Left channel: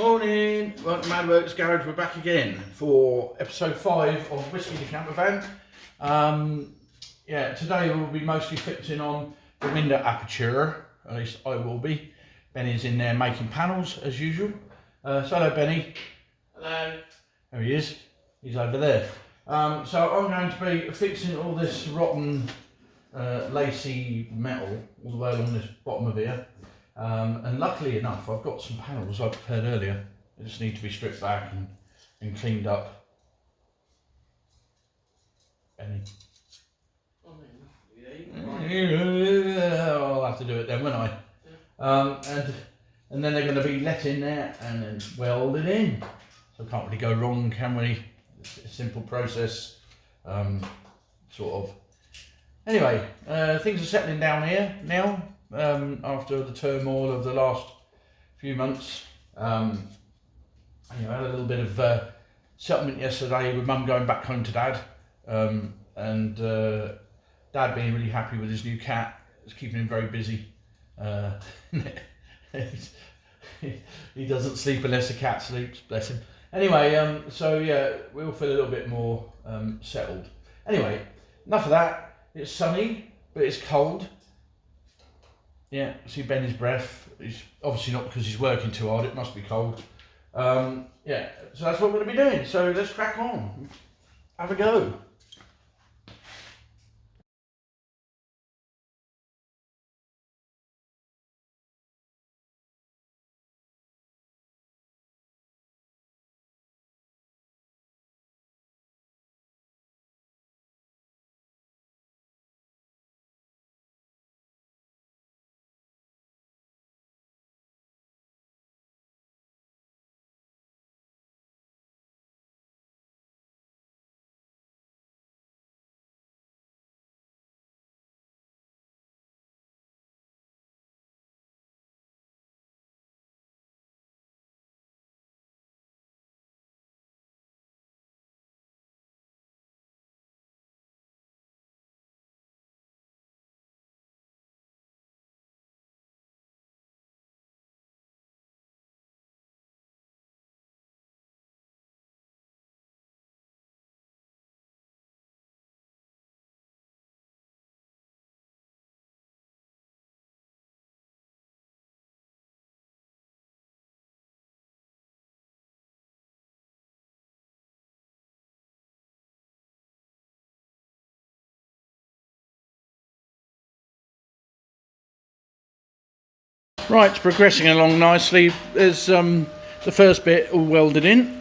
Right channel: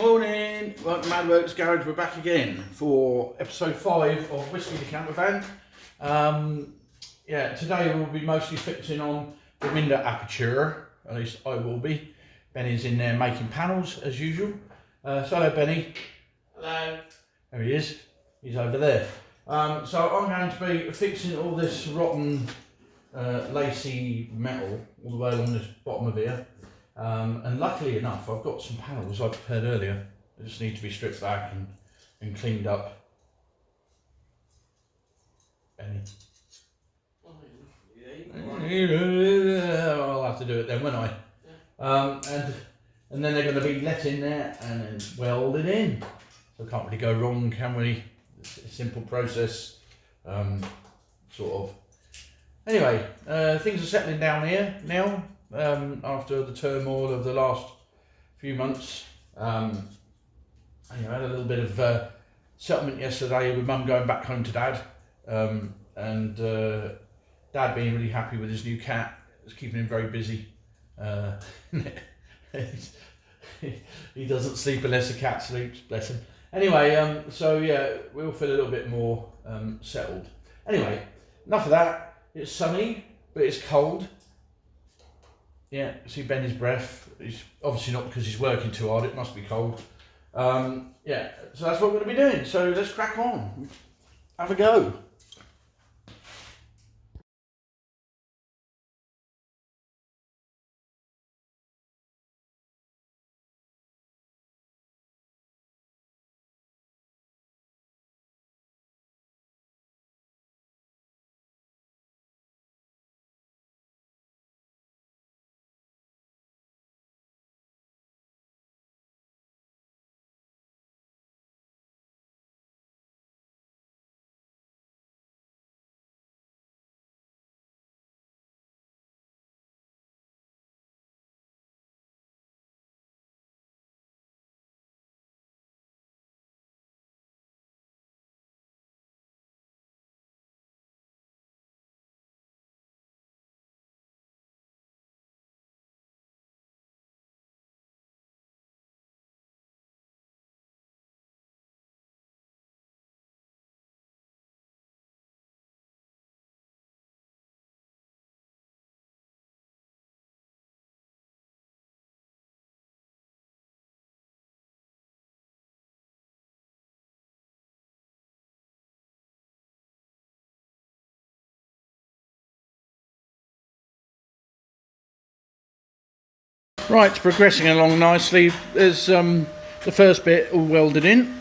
Morning, welcome to Mad Works Garage. We're back again for episode 5 of Whiskey the Camper Van. Today we'll be mostly fixing on the window aperture, at least I will be. Benny's in there making panels as usual. So hello Benny. Hello. There he is, he's over there. So I'm going to be fixing all this rotten lacy metal all the way along this bottom of here. And luckily enough, I've got some panels I prepared earlier. They just need to be stripped back and cleaned up. Benny. I'll have to do it then, won't I? Yeah. And then they're going to be let in there and then welded in. So can't really go wrong, can we? It's a simple process, sort of. Anyway, things are settling down here now. After the turmoil of the last few months, I had a little bit of settlement yesterday with Mum going back home to Dad, and Dad being really happy with his new cat. It's keeping him very busy. He doesn't sleep unless the cat sleeps, bless him. Anyway, so yeah, we all feel a little bit more settled. Anyway, enough of that. It's sunny, but it's cold. Yeah, see Benny's breath. He's obviously not because he's working too hard, it must be cold. Yeah, so that's what we're going to be doing. So let's crack on. Have a go. Right, it's progressing along nicely. There's the first bit all welded in.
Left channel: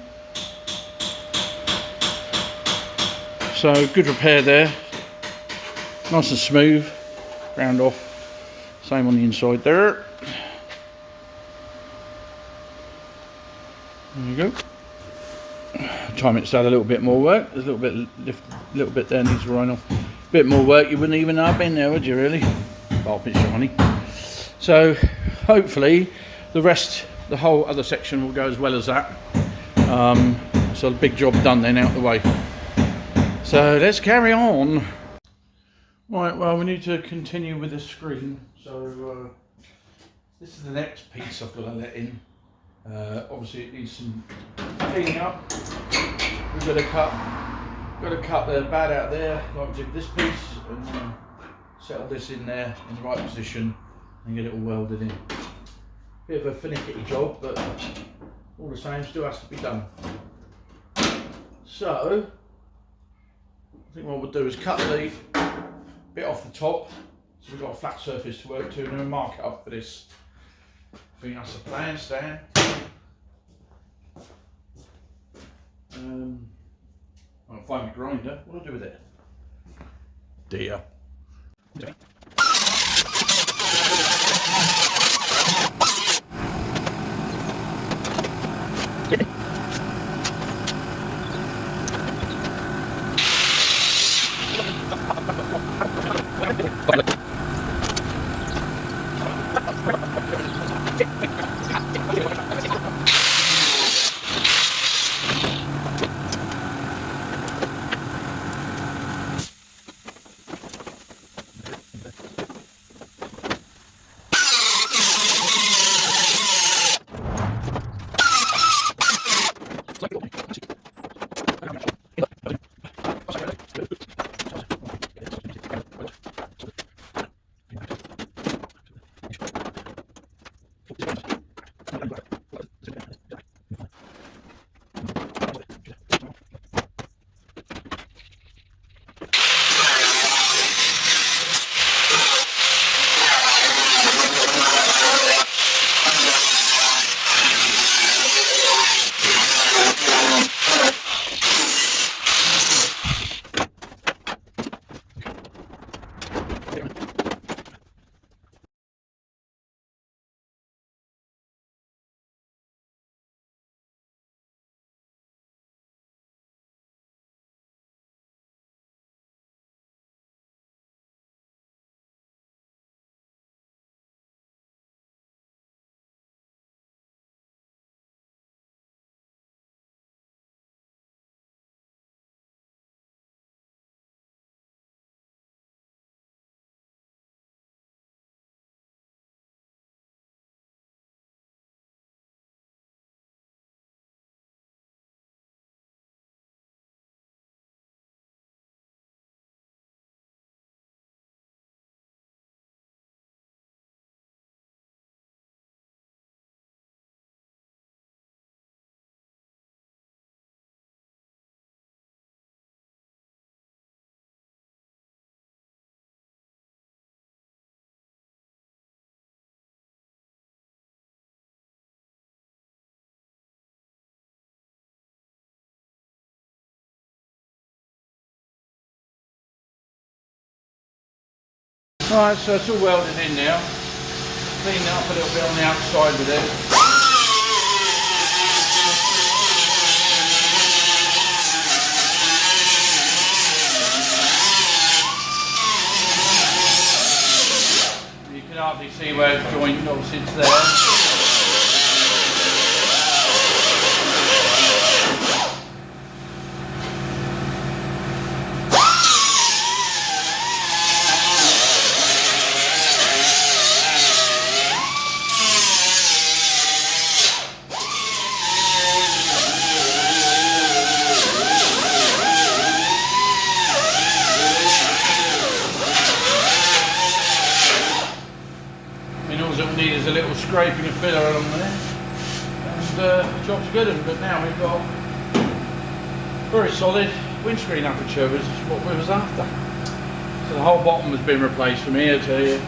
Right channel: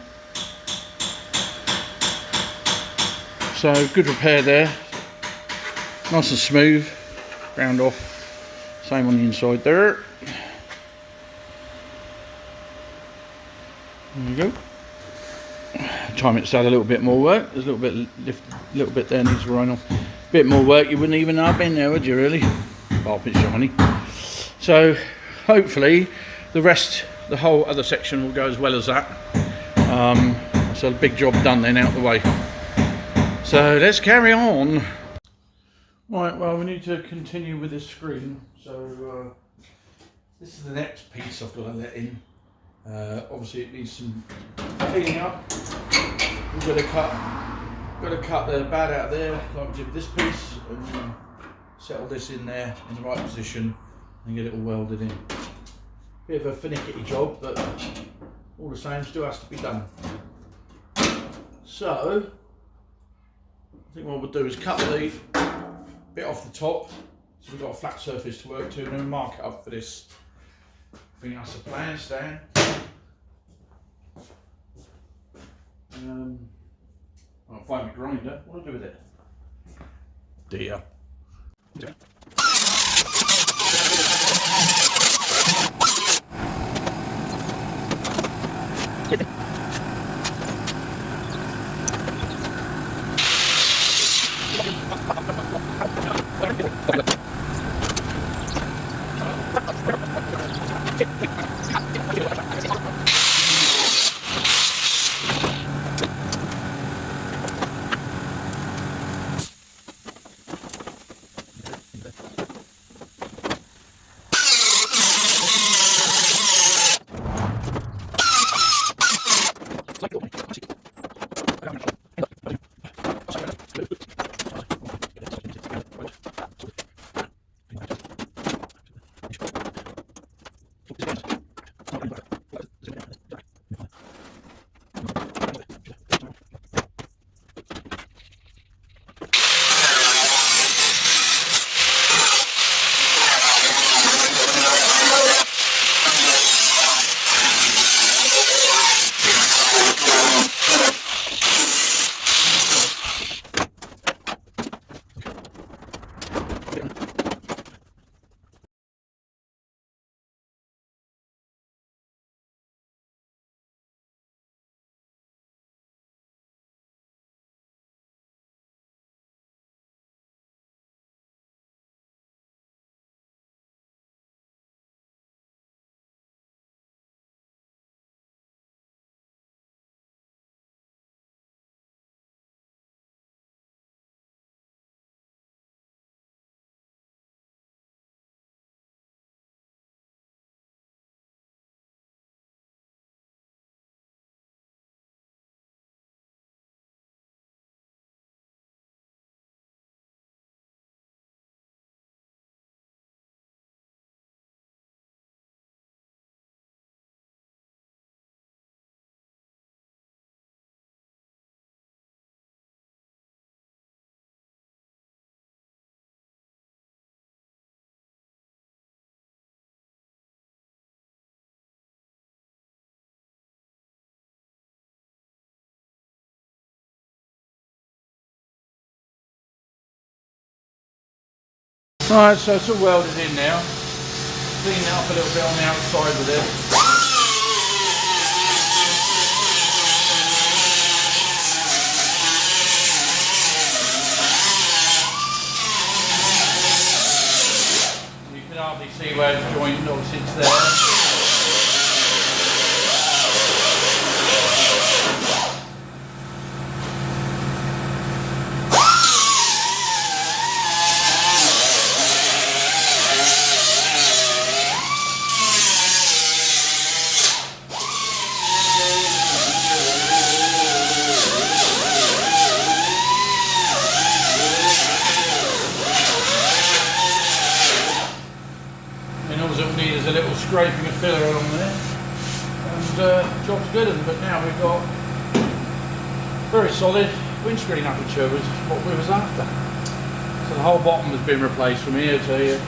So good repair there. Nice and smooth. Ground off. Same on the inside there. There you go. Time it's had a little bit more work. There's a little bit there needs to run off. Bit more work, you wouldn't even know I've been there, would you really? Apart from it's shiny. So hopefully the whole other section will go as well as that. So a big job done then out the way. So let's carry on. Right, well we need to continue with this screen. So this is the next piece I've got to let in. Obviously it needs some cleaning up. We've got to cut the bad out there like we did with this piece and then settle this in there in the right position and get it all welded in. Bit of a finicky job, but all the same still has to be done. So I think what we'll do is cut the bit off the top so we've got a flat surface to work to, and then we'll mark it up for this. I think that's the plan, Stan. I'll find my grinder. What do I do with it? Dear. Alright, so it's all welded in now. Clean it up a little bit on the outside with it. You can hardly see where it's joined, obviously it's there. There's a little scraping of filler along there, and the job's good. But now we've got very solid windscreen aperture, which is what we was after. So the whole bottom has been replaced from here to here.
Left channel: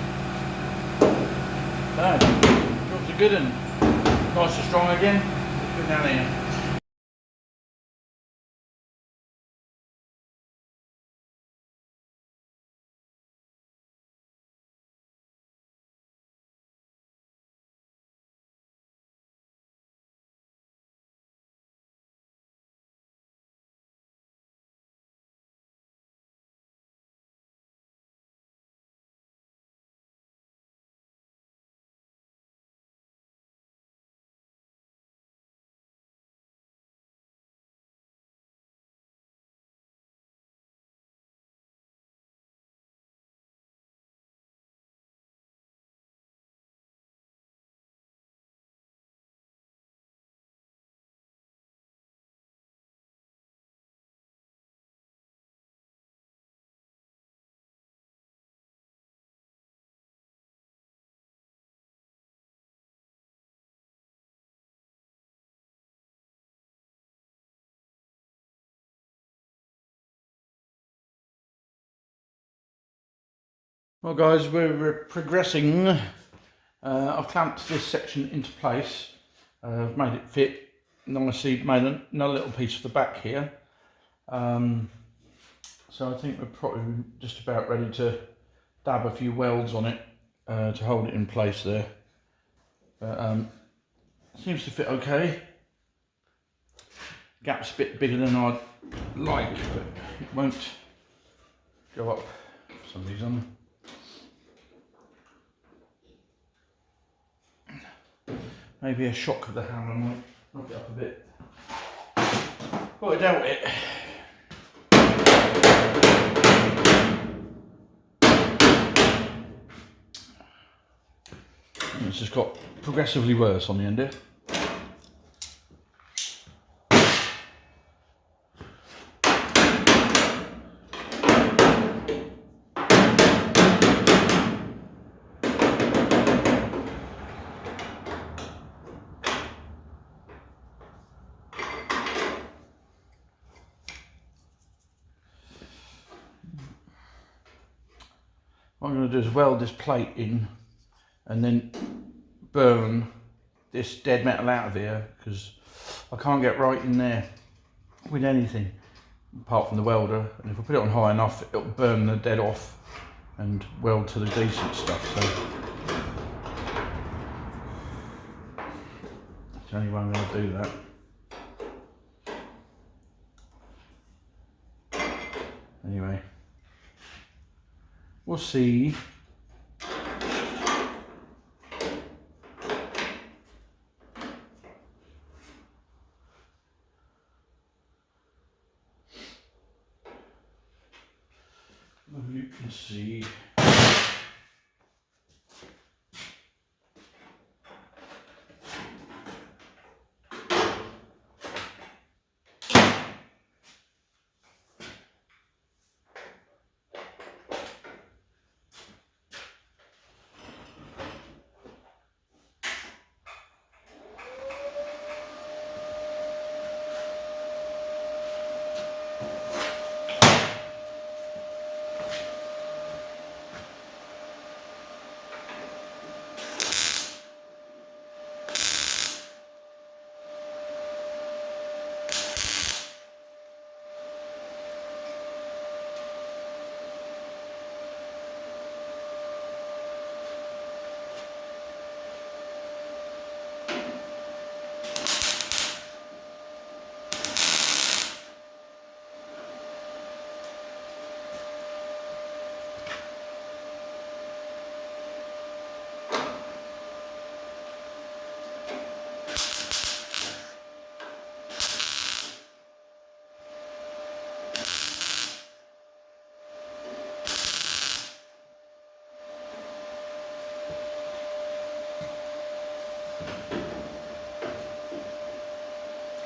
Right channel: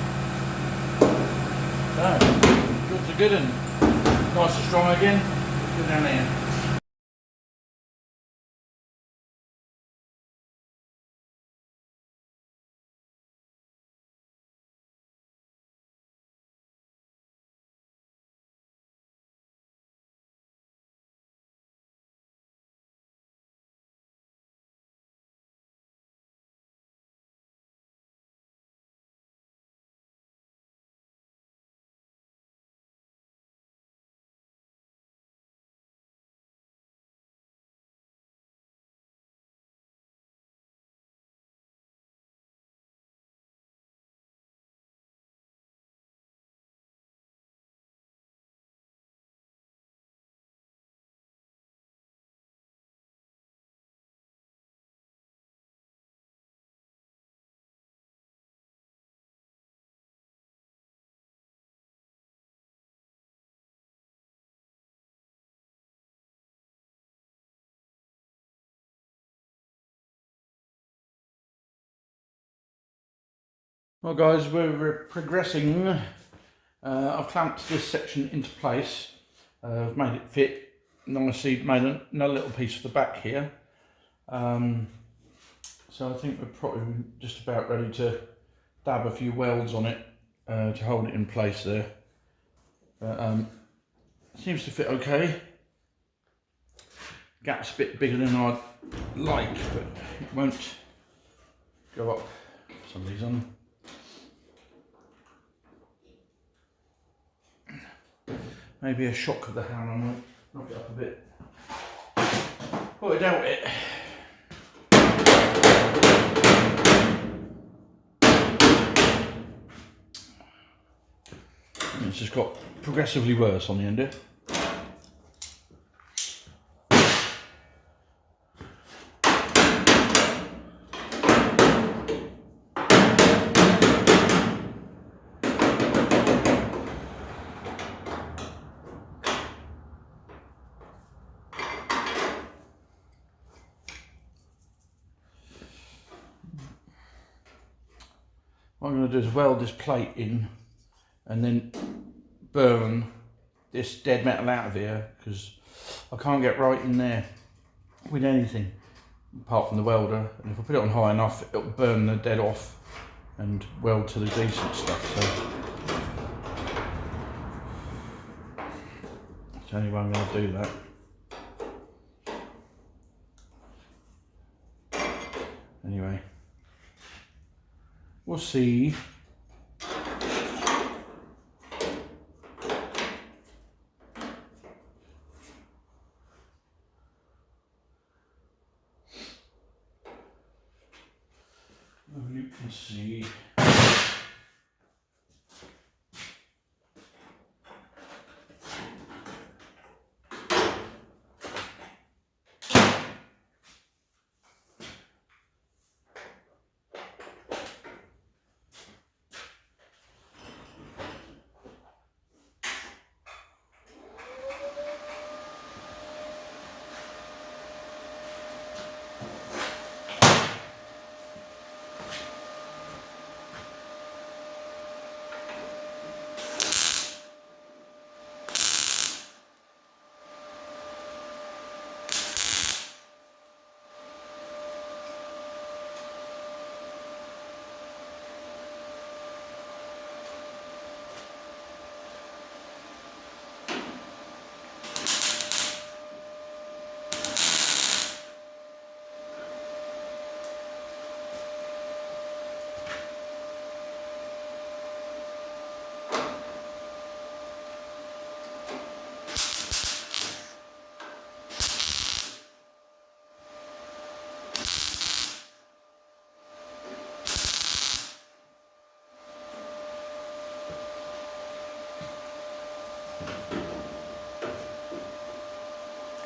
So jobs are good and nice and strong again. Let's go down here. Well guys, we're progressing. I've clamped this section into place. I've made it fit nicely, made another little piece for the back here. So I think we're probably just about ready to dab a few welds on it to hold it in place there. But seems to fit okay. Gap's a bit bigger than I'd like, but it won't go up for some reason. Maybe a shock of the hammer will knock it up a bit. Well, I doubt it. It's just got progressively worse on the end here. what I'm going to do is weld this plate in and then burn this dead metal out of here, because I can't get right in there with anything apart from the welder, and if I put it on high enough it'll burn the dead off and weld to the decent stuff. So that's the only way I'm going to do that. Anyway, we'll see. You can see.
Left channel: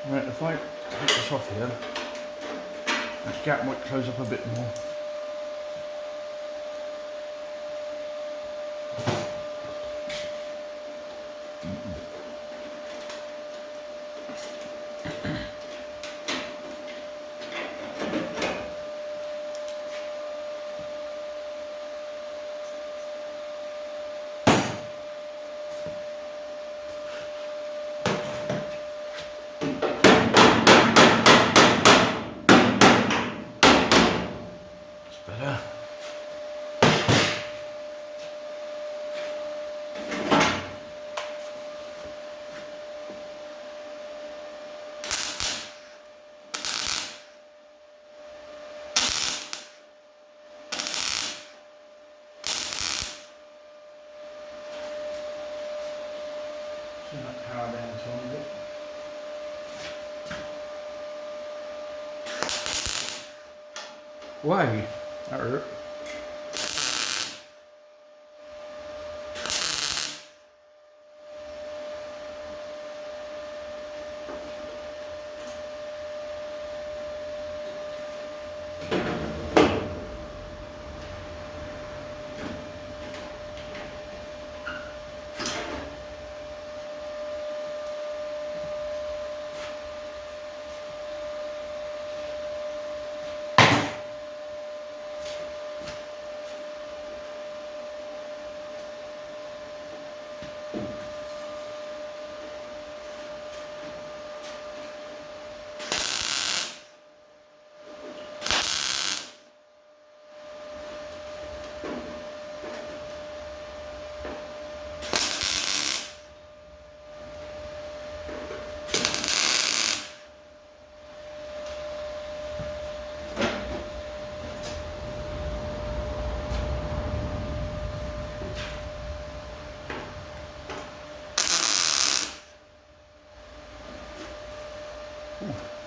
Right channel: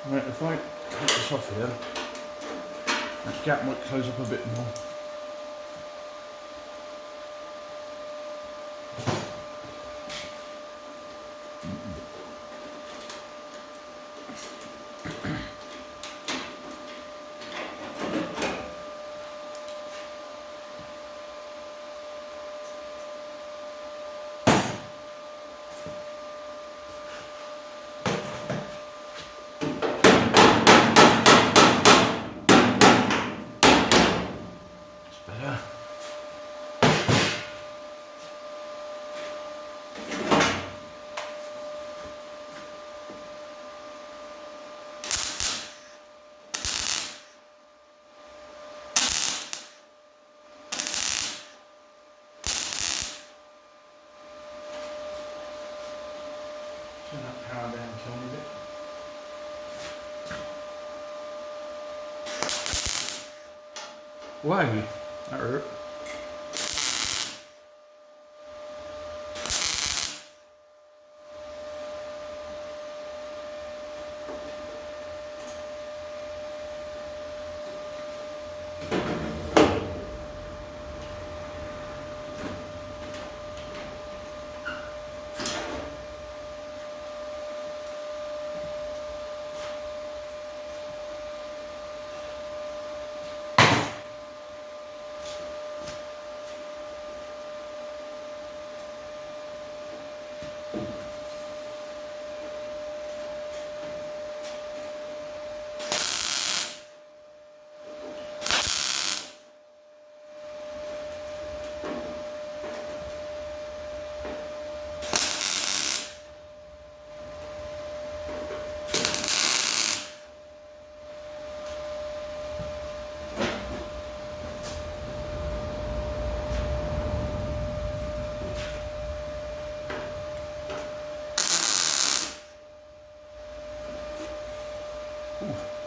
Right, if I take this off here, that gap might close up a bit more. Better. Turn that power down a tiny bit. Why? That hurt.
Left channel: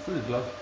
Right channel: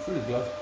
Through the glove.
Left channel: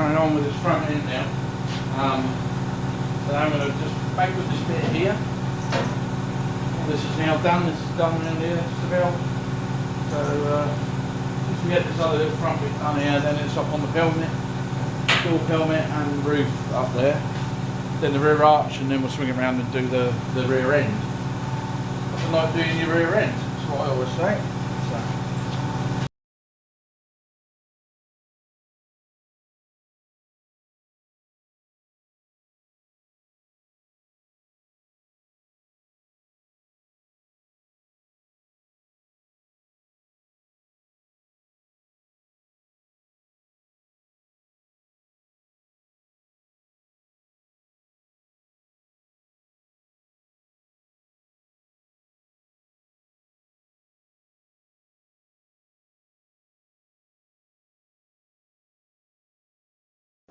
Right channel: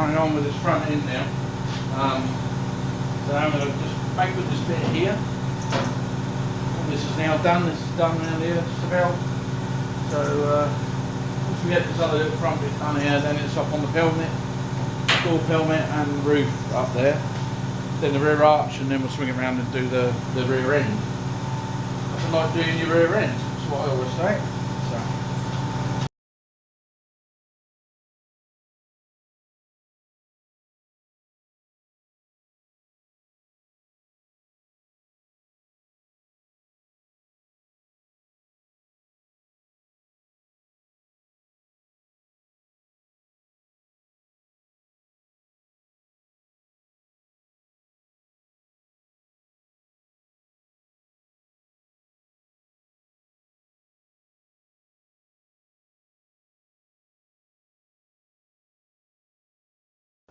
carrying on with this front end now. So I'm going to just make with this bit here. All this is now done. This is done around here just about. So once we get this other little front bit done here, then it's up on the pelmet, door pelmet and roof up there. Then the rear arch, and then we'll swing around and do the rear end. Nothing like doing your rear end. That's what I always say. So.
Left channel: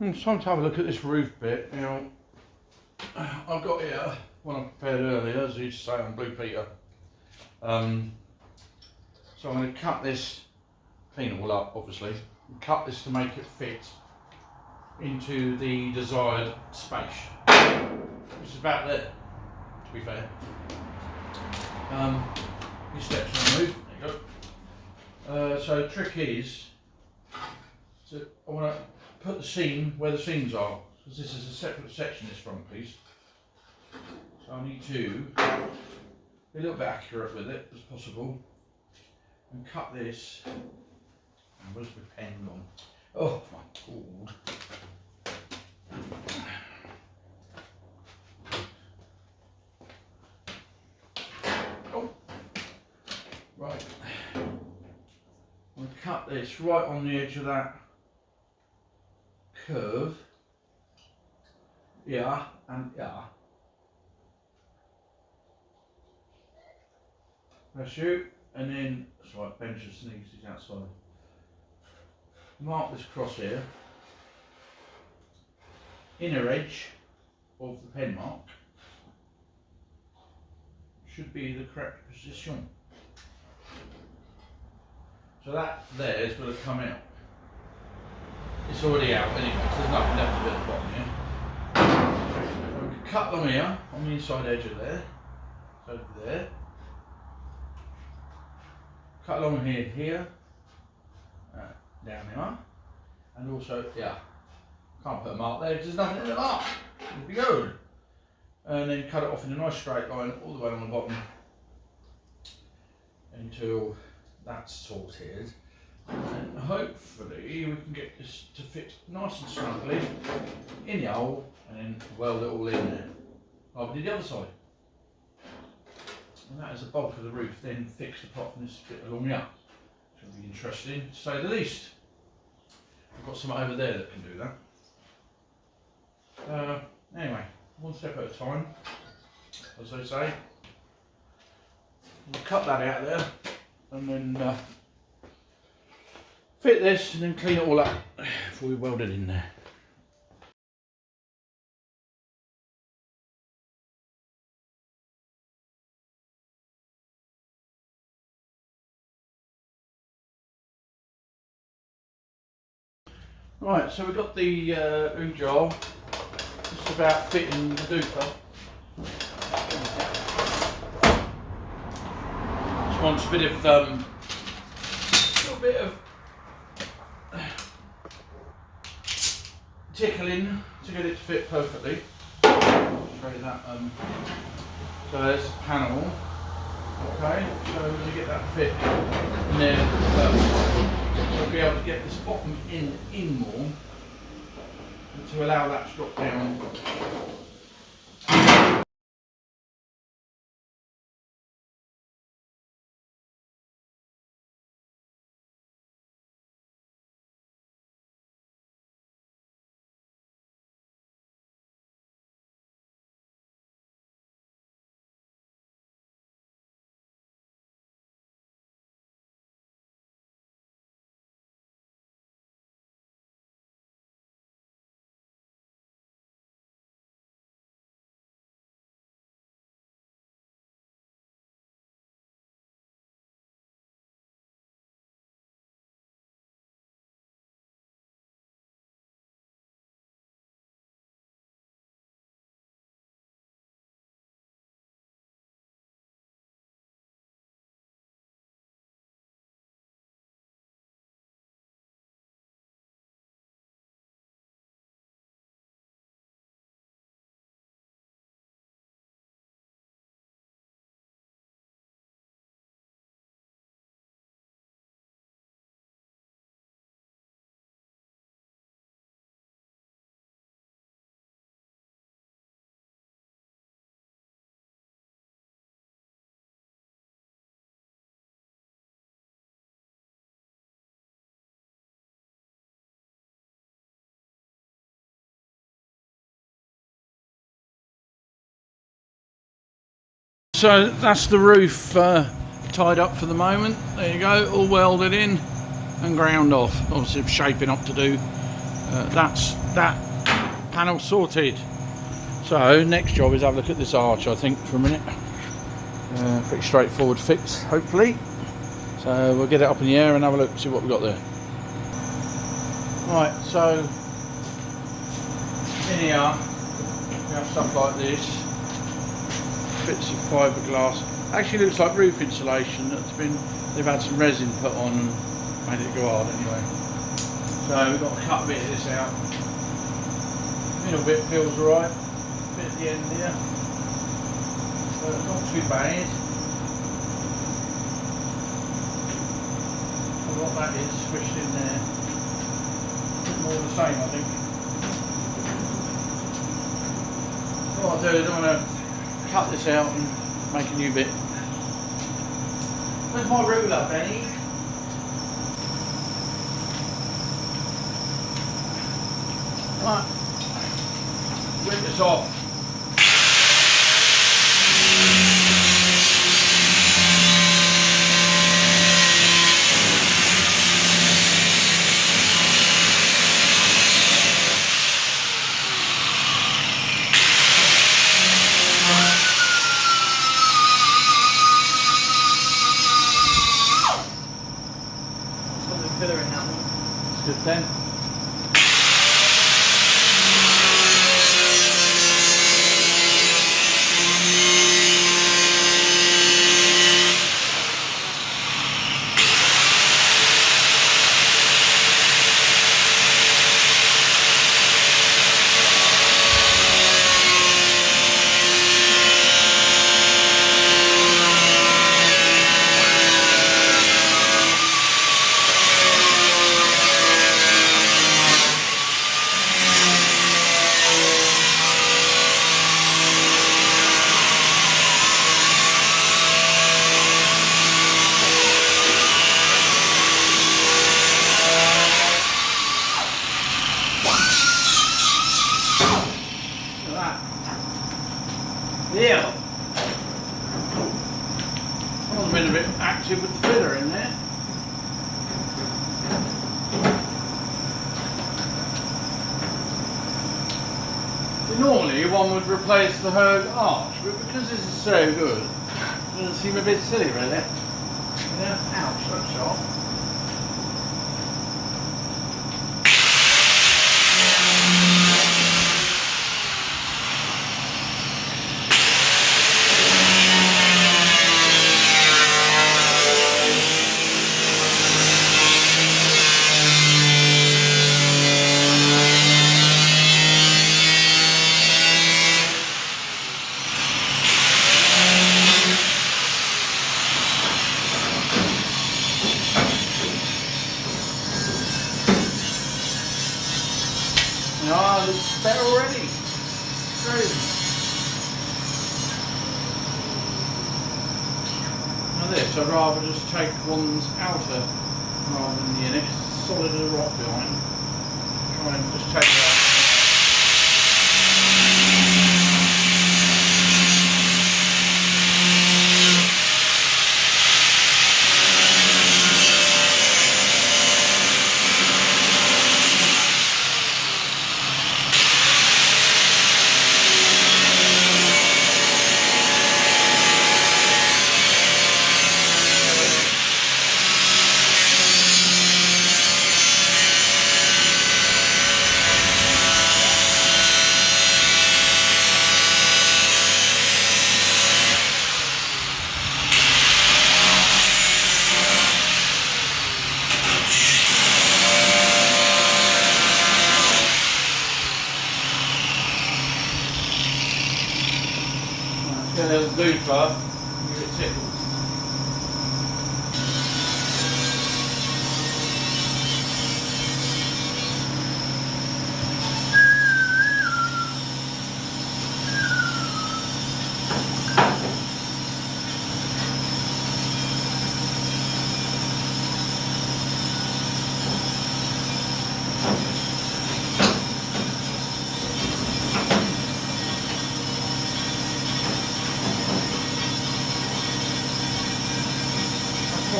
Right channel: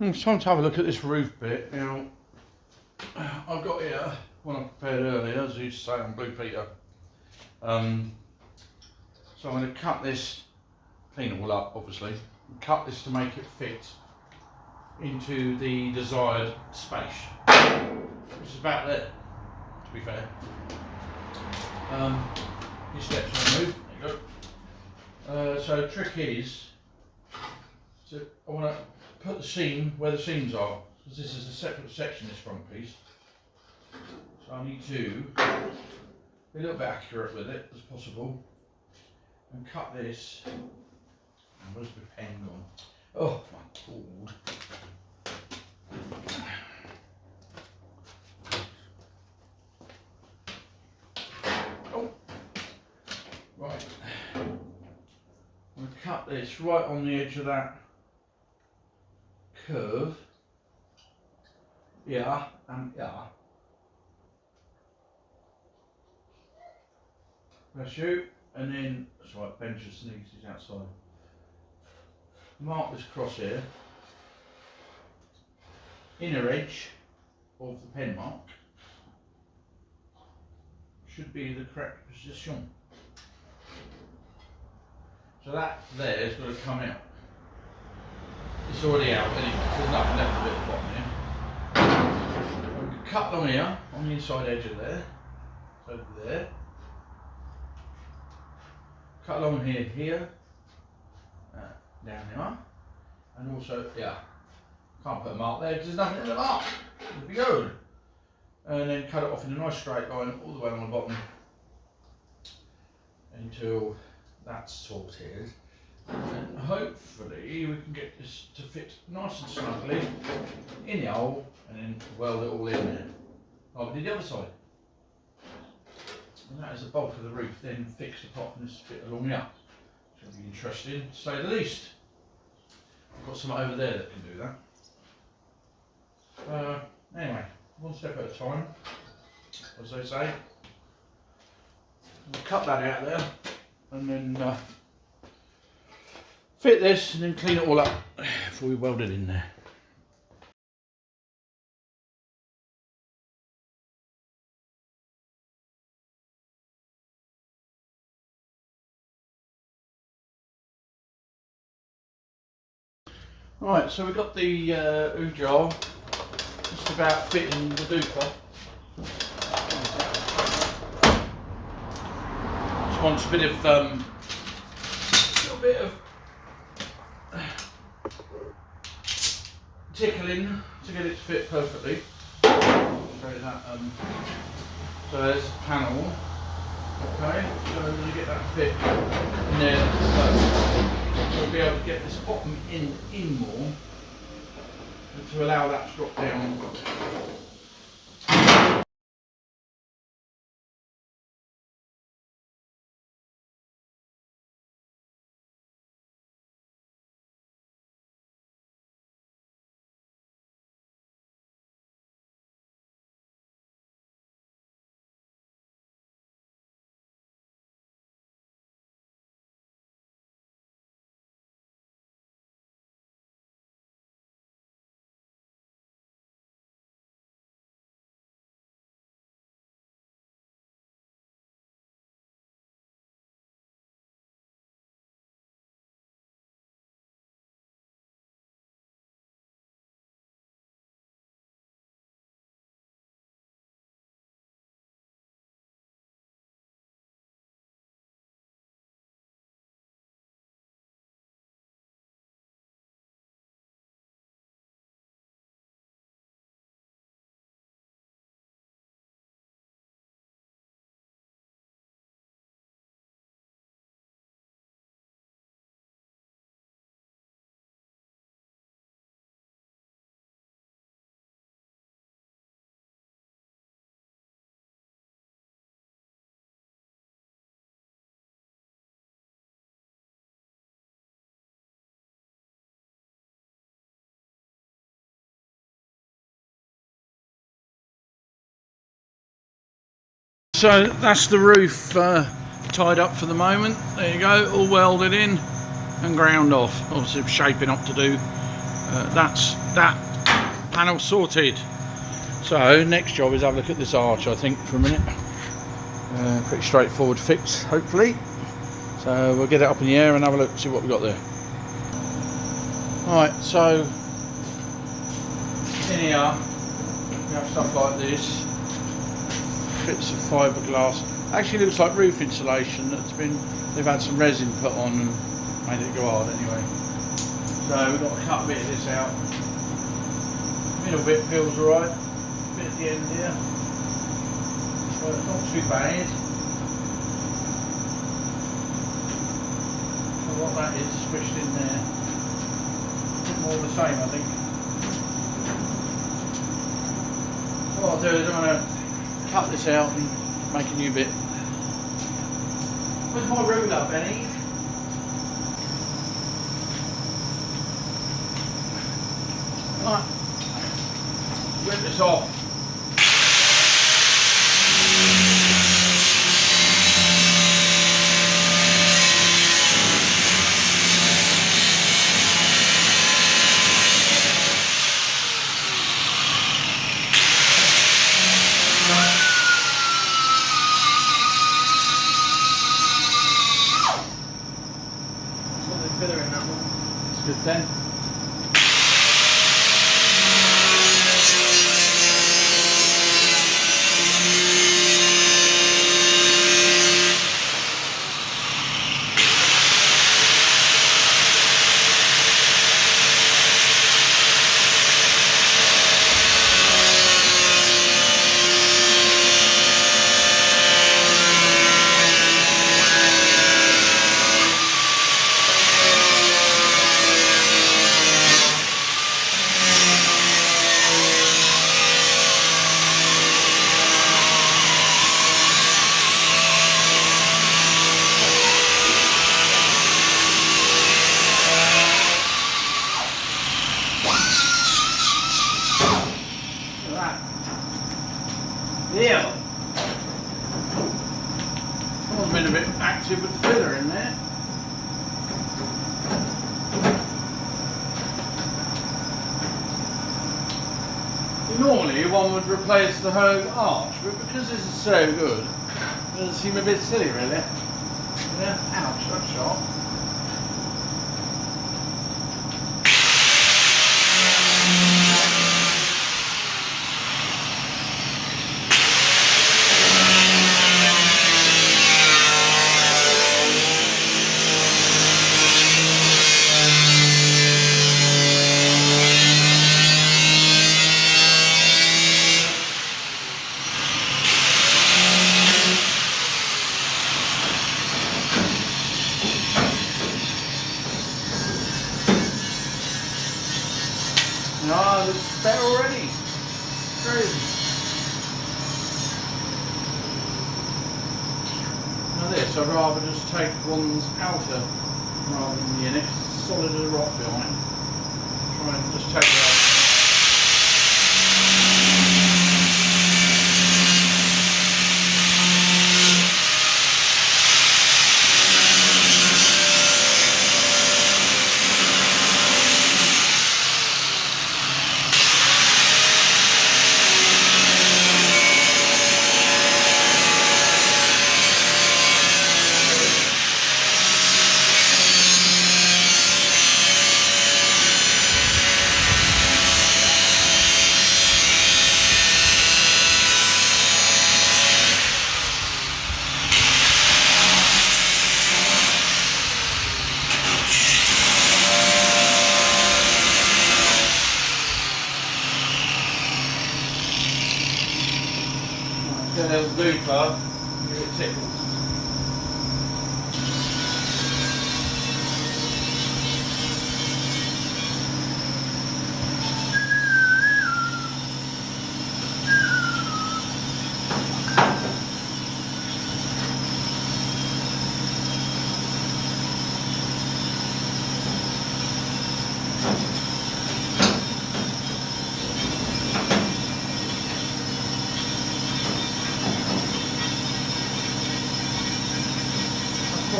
It's time to have a look at this roof bit. Now, I've got here, one I prepared earlier, as I used to say on Blue Peter. So I'm going to cut this, clean it all up obviously, and cut this to make it fit into the desired space, which is about there, to be fair. These steps on the roof, there you go. So the trick is, so I want to put the seam where the seams are, because this is a separate section, this front piece. So I need to be a little bit accurate with it as possible and cut this. And where's my pen gone? Oh my god. Oh, right. I'm going to cut this right on the edge of that curve. Yeah, and yeah. Press you, and then, that's right, Ben just sneezed, he's outside. Mark this cross here. Inner edge of the pen mark should be the correct position. So that there is going to come out. It's already out anyway, so there's nothing left of it at the bottom here. I'm going to cut along here on the inside edge of there, so over there. Cut along here, down here, and also here. Can't put a mark there because there's nothing in the mark. It'll be good. And then cut it off in a nice straight line all the way on the bottom until that's sorted. And hopefully we can get this to fit nice and snugly in the hole and then weld it all in there. Like we did the other side. And that is the bulk of the roof, then fix apart from this bit along here. It's going to be interesting to say the least. I've got some over there that can do that. Anyway, one step at a time, as they say. We'll cut that out there and then fit this and then clean it all up before we weld it in there. Right, so we've got the ooh jar just about fitting the doofer. Just wants a bit of little bit of tickling to get it to fit perfectly. Show you that. So there's the panel. Okay, so we're going to get that fit in there. We'll be able to get this bottom end in more to allow that to drop down. so that's the roof tied up for the moment. There you go, all welded in and ground off. Obviously shaping up to do. That's that panel sorted. So next job is have a look at this arch, I think, for a minute. Pretty straightforward fix, hopefully. So we'll get it up in the air and have a look, see what we've got there. Right, so in here we have stuff like this, bits of fiberglass. Actually looks like roof insulation they've had some resin put on and made it go hard anyway. So we've got to cut a bit of this out. Middle bit feels alright, bit at the end here, but it's not too bad. So what that is squished in there, a bit more the same I think. What I'll do is I'm going to cut this out and make a new bit. Where's my ruler, Benny? Right, rip this off. It's good then. Yeah. Someone's been a bit active with the filler in there. Normally one would replace the whole arch, but because this is so good, it doesn't seem a bit silly really. You know? Ouch, that's sharp. Oh, it's better already. Crazy. Now this, I'd rather just take one's outer rather than the inner. It's solid as a rock behind. Try and just take it out. There's the loop, give it tickles.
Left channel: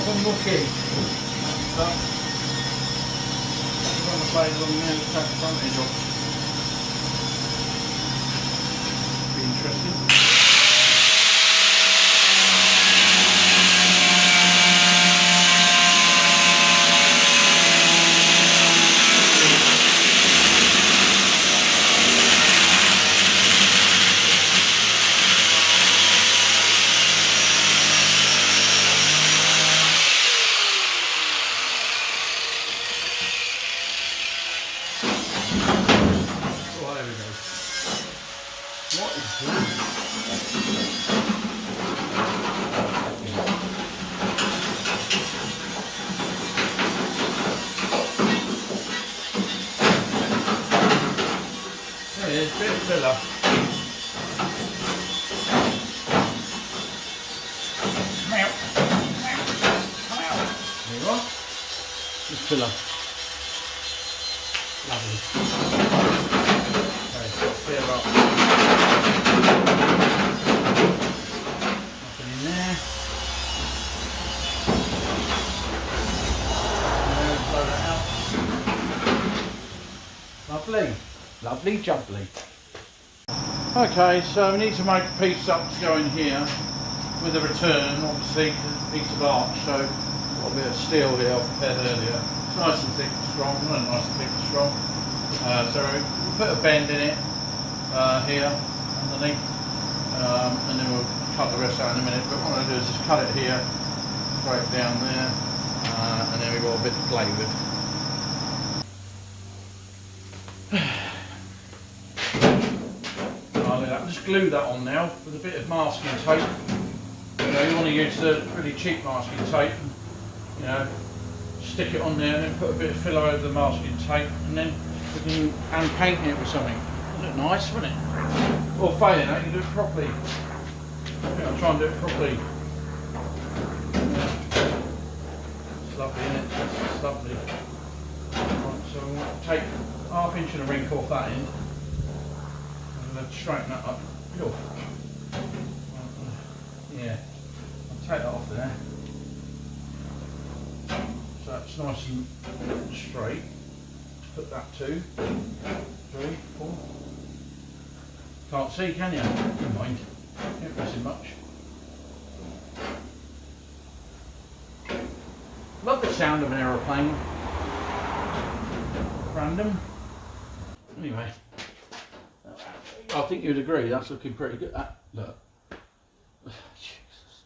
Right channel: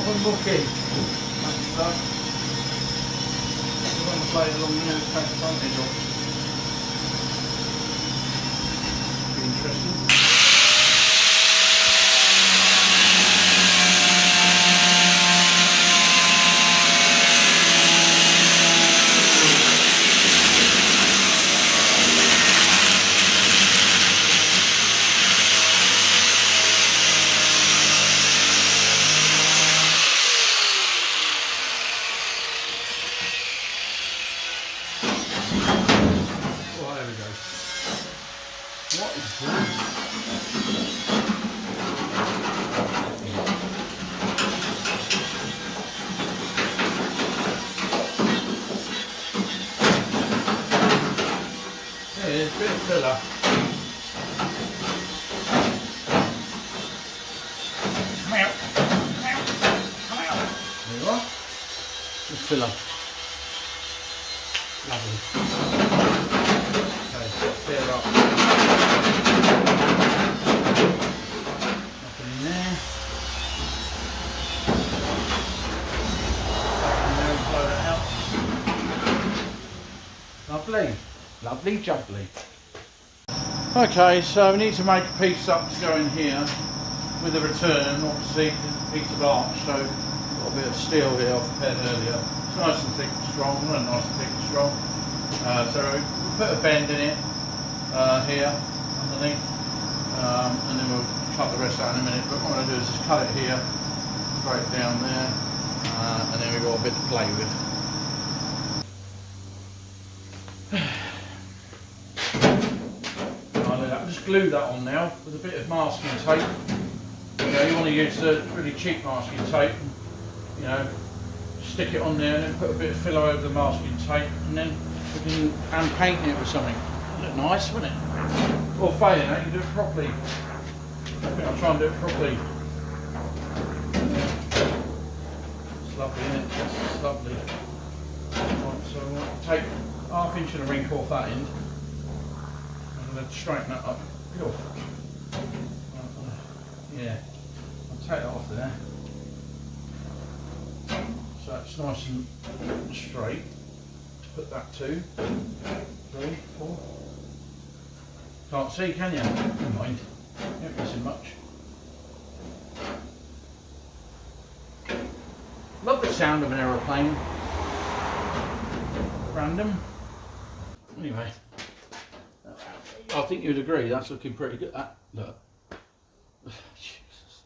proper mucky. That stuff. We'll run the blade along there to take the frontage off. Be interesting. What is that? There it is, bit of filler. Come out, come out, come out. There you are. Just filler. Lovely. Okay, fill up. Nothing in there. Nothing there, blow that out. Lovely. Lovely jubbly. Okay, so we need to make a piece up to go in here with a return, obviously, to a piece of arch. So we've got a bit of steel here I prepared earlier. It's nice and thick and strong, well, nice and thick and strong. So we'll put a bend in it here underneath, and then we'll cut the rest out in a minute. But what I'm going to do is just cut it here, straight down there, and then we've got a bit to play with. I'll just glue that on now with a bit of masking tape. You know, you want to use the really cheap masking tape, and, you know, stick it on there and then put a bit of filler over the masking tape, and then we can hand paint it with something. It'll look nice, wouldn't it? Or failing that, you can do it properly. I think I'll try and do it properly. It's lovely, isn't it? It's lovely. Right, so we'll take ½ inch and a rink off that end. I'm going to straighten that up. Cool. Yeah, I'll take that off there. So that's nice and straight. Put that 2, 3, 4. Can't see, can you? Never mind. Ain't missing much. Love the sound of an aeroplane. Random. Anyway, I think you'd agree that's looking pretty good. Look. Jesus.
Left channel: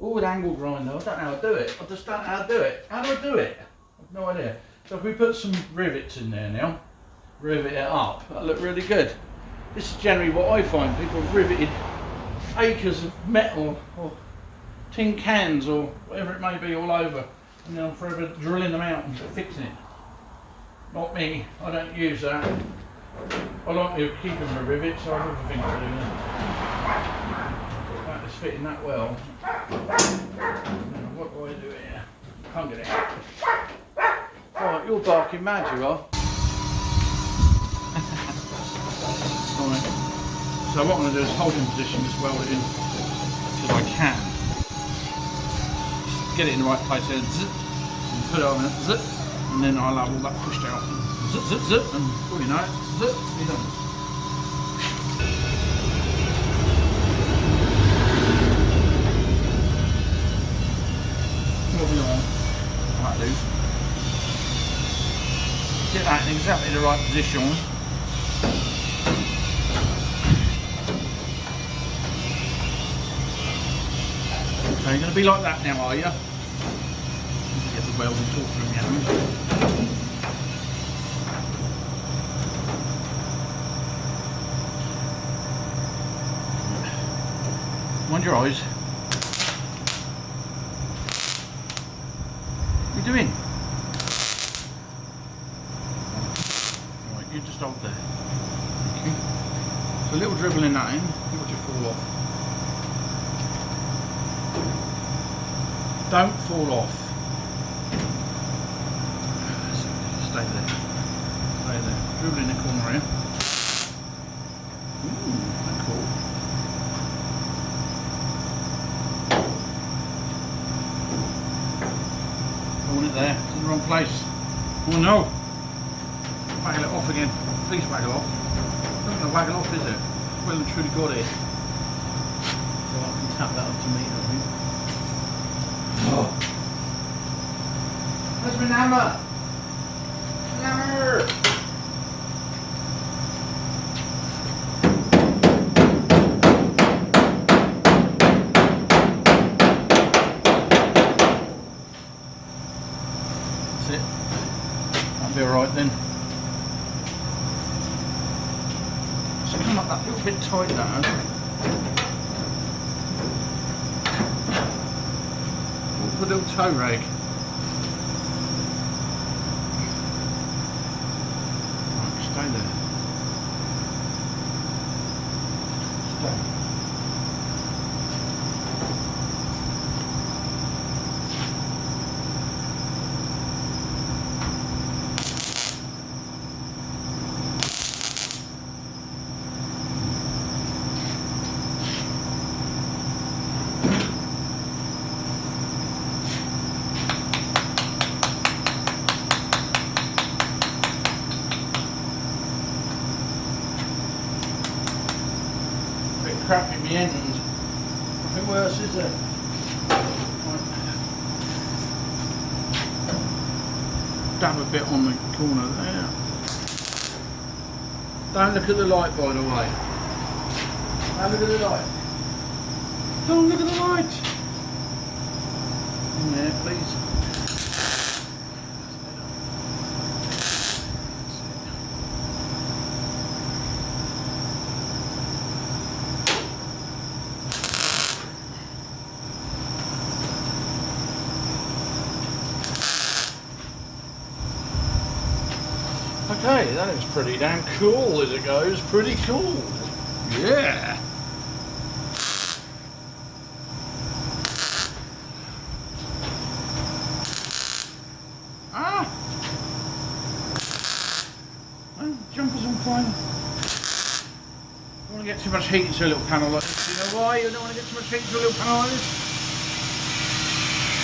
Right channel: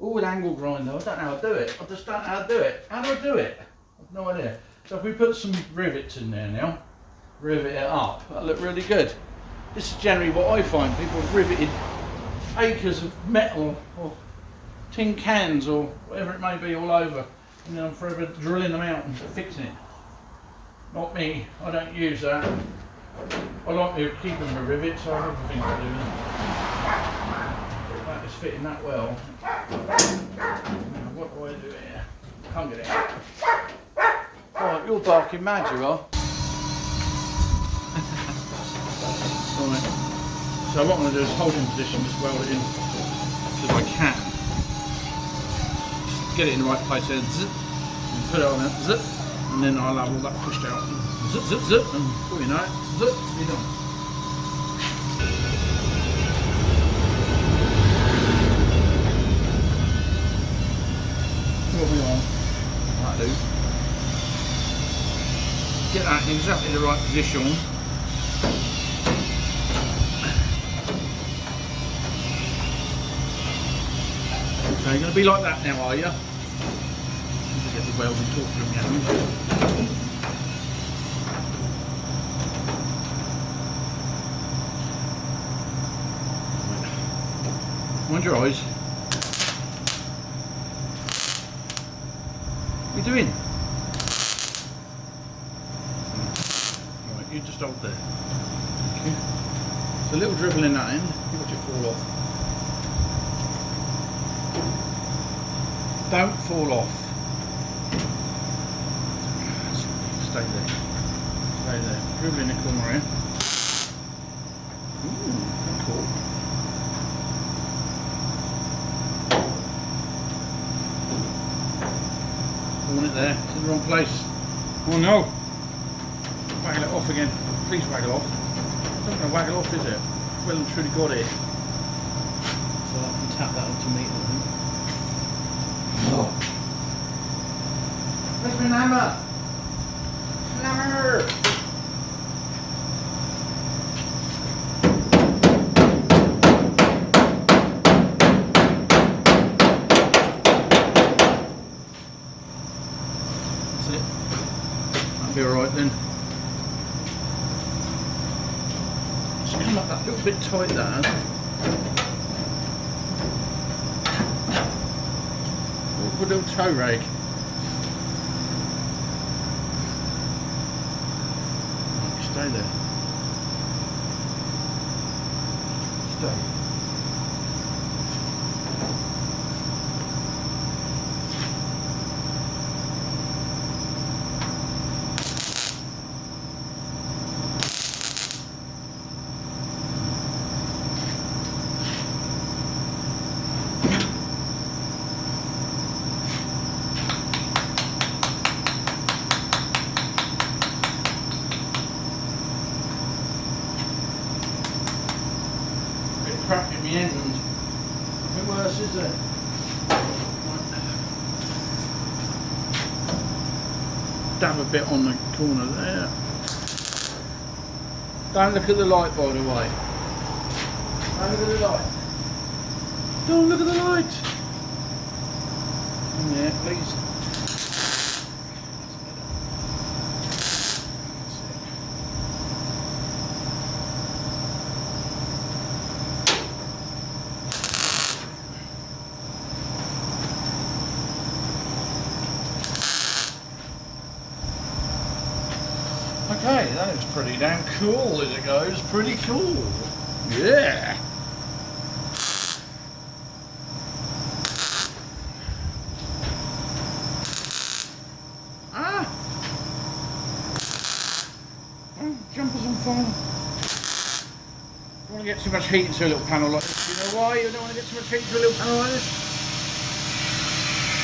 Oh, with angle grinder. I don't know how to do it. I just don't know how to do it. How do I do it? I've no idea. So if we put some rivets in there now, rivet it up, that'll look really good. This is generally what I find. People have riveted acres of metal or tin cans or whatever it may be all over, and then I'm forever drilling them out and fixing it. Not me, I don't use that. I like to keep them a rivet, so I have other things to do now. That is fitting that well. Now, what do I do here? Can't get it out. Right, you're barking mad, you are. Right. So what I'm going to do is hold in position, just weld it in if I can. Just get it in the right place there, zip, and put it on there, zip, and then I'll have all that pushed out. Zip, zip, zip, and before you know it, zip, be done. What we on? That'll do. Get that in exactly the right position. Okay, you're going to be like that now, are you? Get the welding torch from you. Mind your eyes. What are you doing? Right, you just hold there. Okay. So a little dribble in that end, you watch it fall off. Don't fall off. Stay there. Stay there. Dribble in the corner here. Ooh, that's cool. Pelmet there. It's in the wrong place. Oh no! Waggle it off again. Please waggle off. It's not going to waggle off, is it? Well and truly got it. So I can tap that up to meter, I think. Oh. Where's my hammer? Hammer! That's it. That'll be alright then. It's come up that little bit tight, that has. Awkward little toe rag. Right, stay there. Stay. Crap in the end. Nothing worse, is there? Dab a bit on the corner there. Don't look at the light, by the way. Don't look at the light. Don't look at the light. In there, please. Okay, that is pretty damn cool as it goes. Pretty cool. Yeah. Ah. Well, jumper's on fire. Don't want to get too much heat into a little panel like this. You know why you don't want to get too much heat into a little panel like this?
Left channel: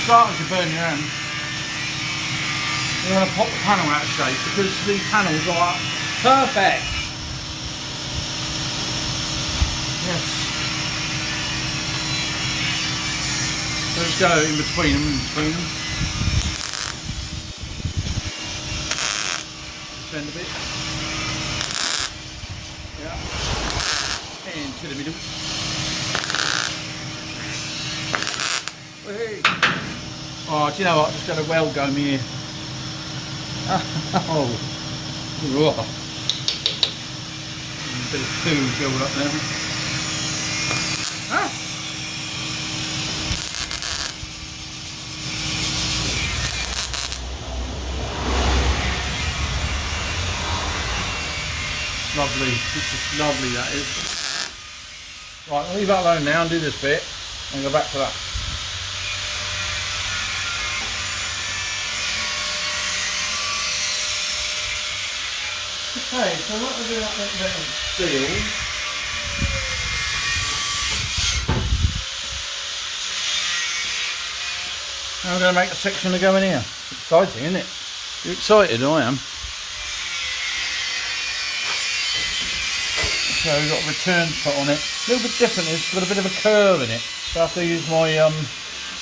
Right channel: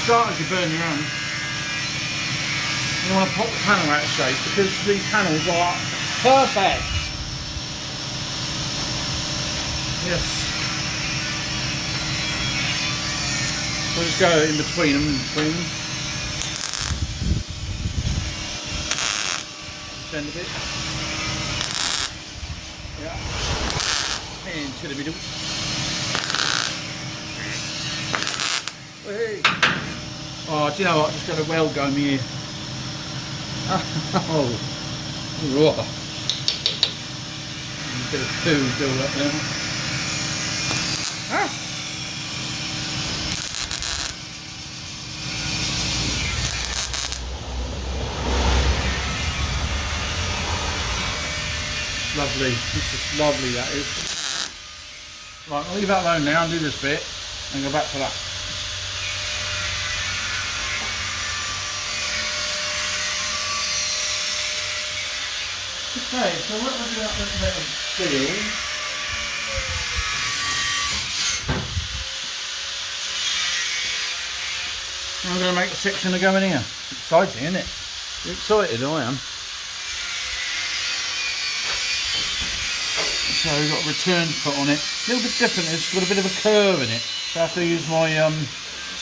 Start as you burn your hand. You want to pop the panel out of shape because these panels are perfect. Yes. So let's go in between them, Send a bit. Yeah. Into the middle. Hey. Oh, do you know what? I'm just going to weld gun here. Oh, raw. A bit of food build up there. Ah. Lovely. This is lovely, that is. Right, I'll leave that alone now and do this bit and go back to that. Okay, so what we'll do that little bit of steel. Now we're going to make a section to go in here. It's exciting, isn't it? You're excited, I am. So we've got a return foot on it. A little bit different, it's got a bit of a curve in it. So I have to use my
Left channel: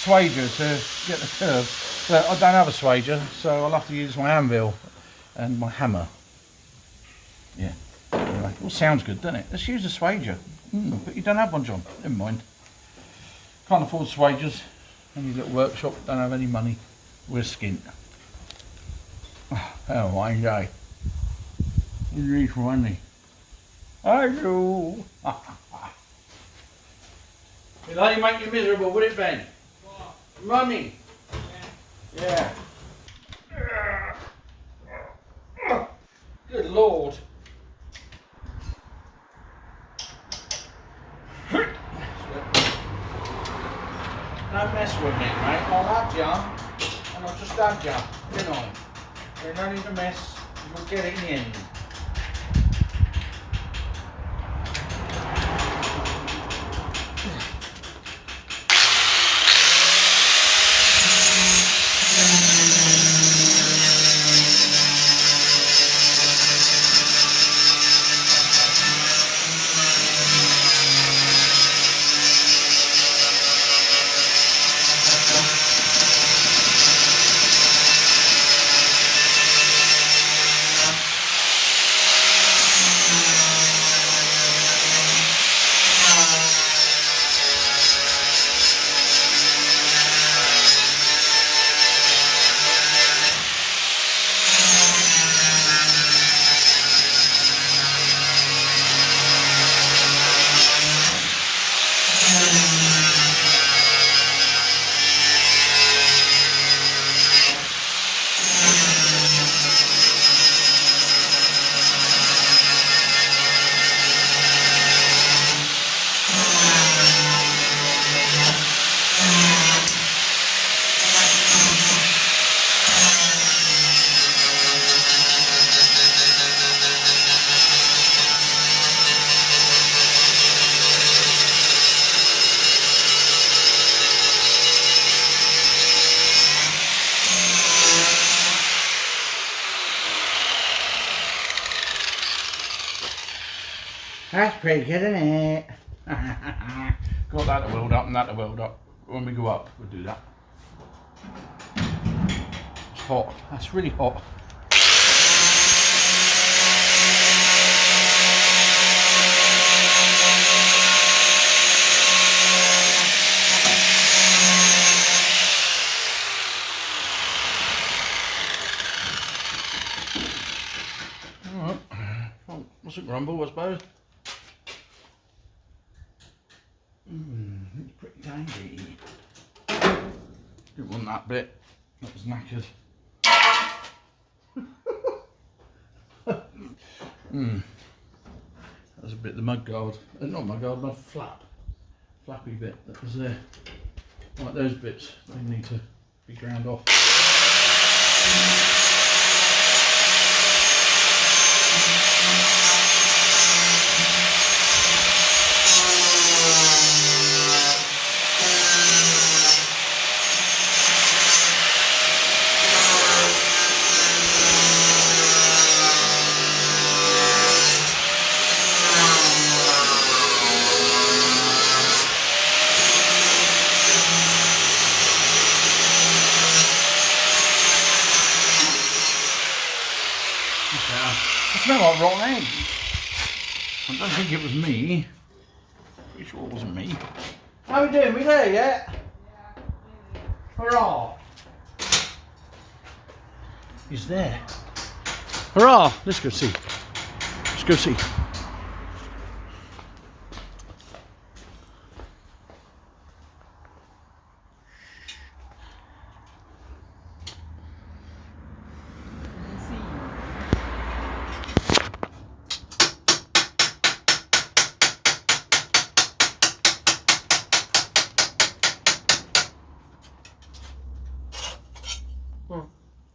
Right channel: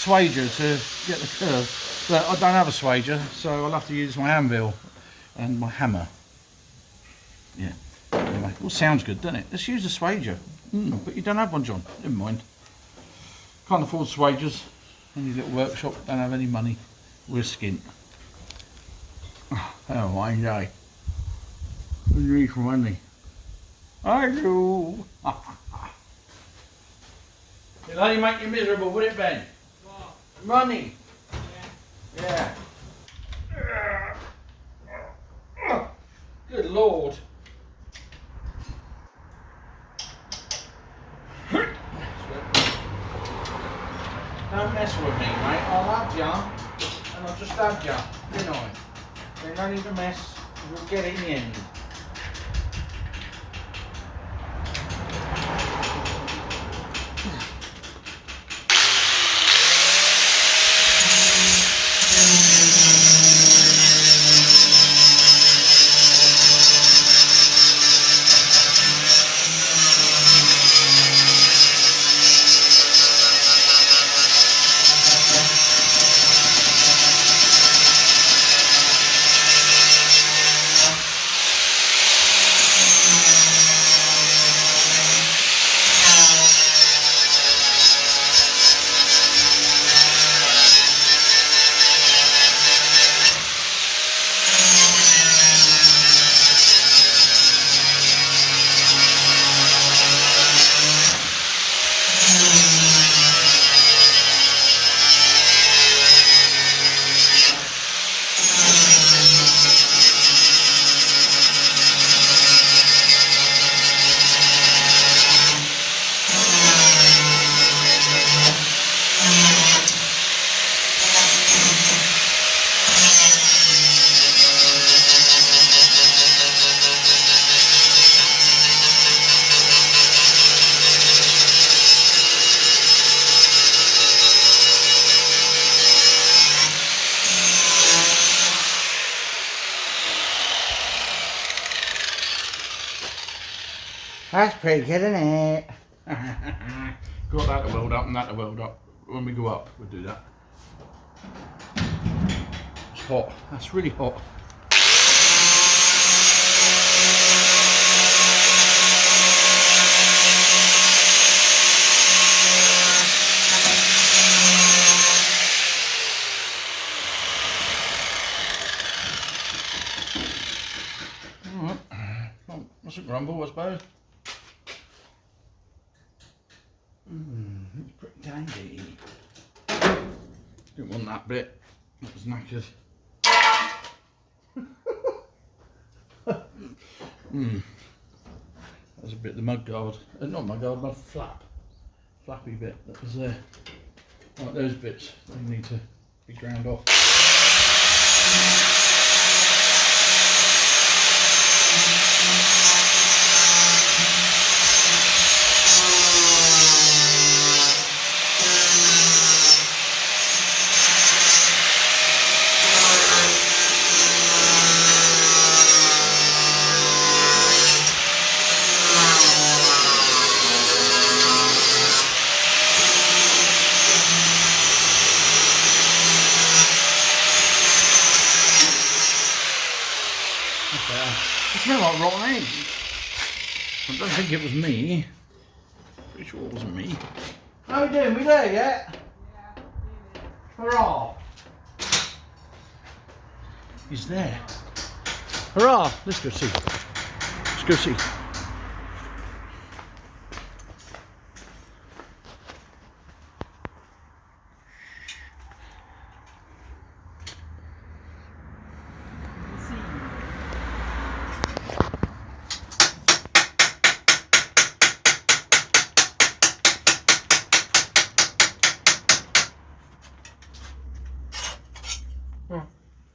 swager to get the curve. But I don't have a swager, so I'll have to use my anvil and my hammer. Yeah, anyway, it all sounds good, doesn't it? Let's use a swager. But you don't have one, John. Never mind. Can't afford swagers. Any little workshop, don't have any money. We're skint. Oh, hell, I enjoy. I need for money. I do. It'll only make you miserable, would it, Ben? What? Money. Yeah. Good Lord. Don't mess with me, mate. I love ya, and I've just stabbed ya, didn't I? There's no need to mess, you'll get it in the end. That's pretty good, isn't it? Got that to weld up and that to weld up. When we go up, we'll do that. It's hot. That's really hot. Mustn't grumble, I suppose. It's pretty dandy. Didn't want that bit. That was knackered. That was a bit of the mud guard. Not mud guard, mud flappy bit that was there. Like those bits, they need to be ground off. It smells like rotten eggs. I don't think it was me. Pretty sure it wasn't me. How we doing? We there yet? Hurrah! He's there. Hurrah! Let's go see. Let's go see.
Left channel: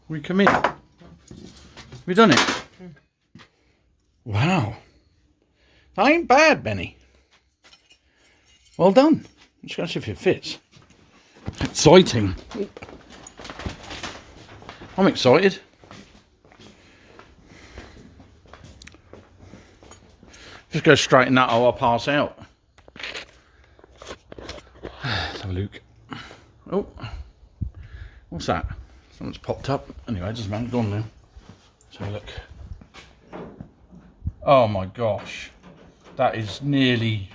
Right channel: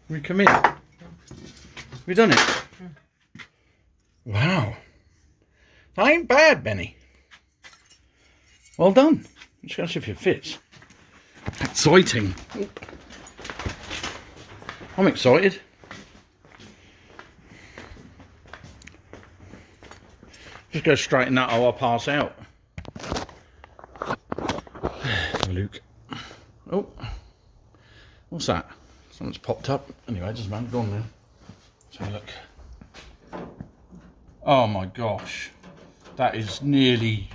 We come in. We done it. Wow. That ain't bad, Benny. Well done. I'm just going to see if it fits. Exciting. I'm excited. Just go straighten that or I'll pass out. Let's have a look. Oh. What's that? Something's popped up. Anyway, it doesn't matter. Go on now. Let's have a look. Oh my gosh. That is nearly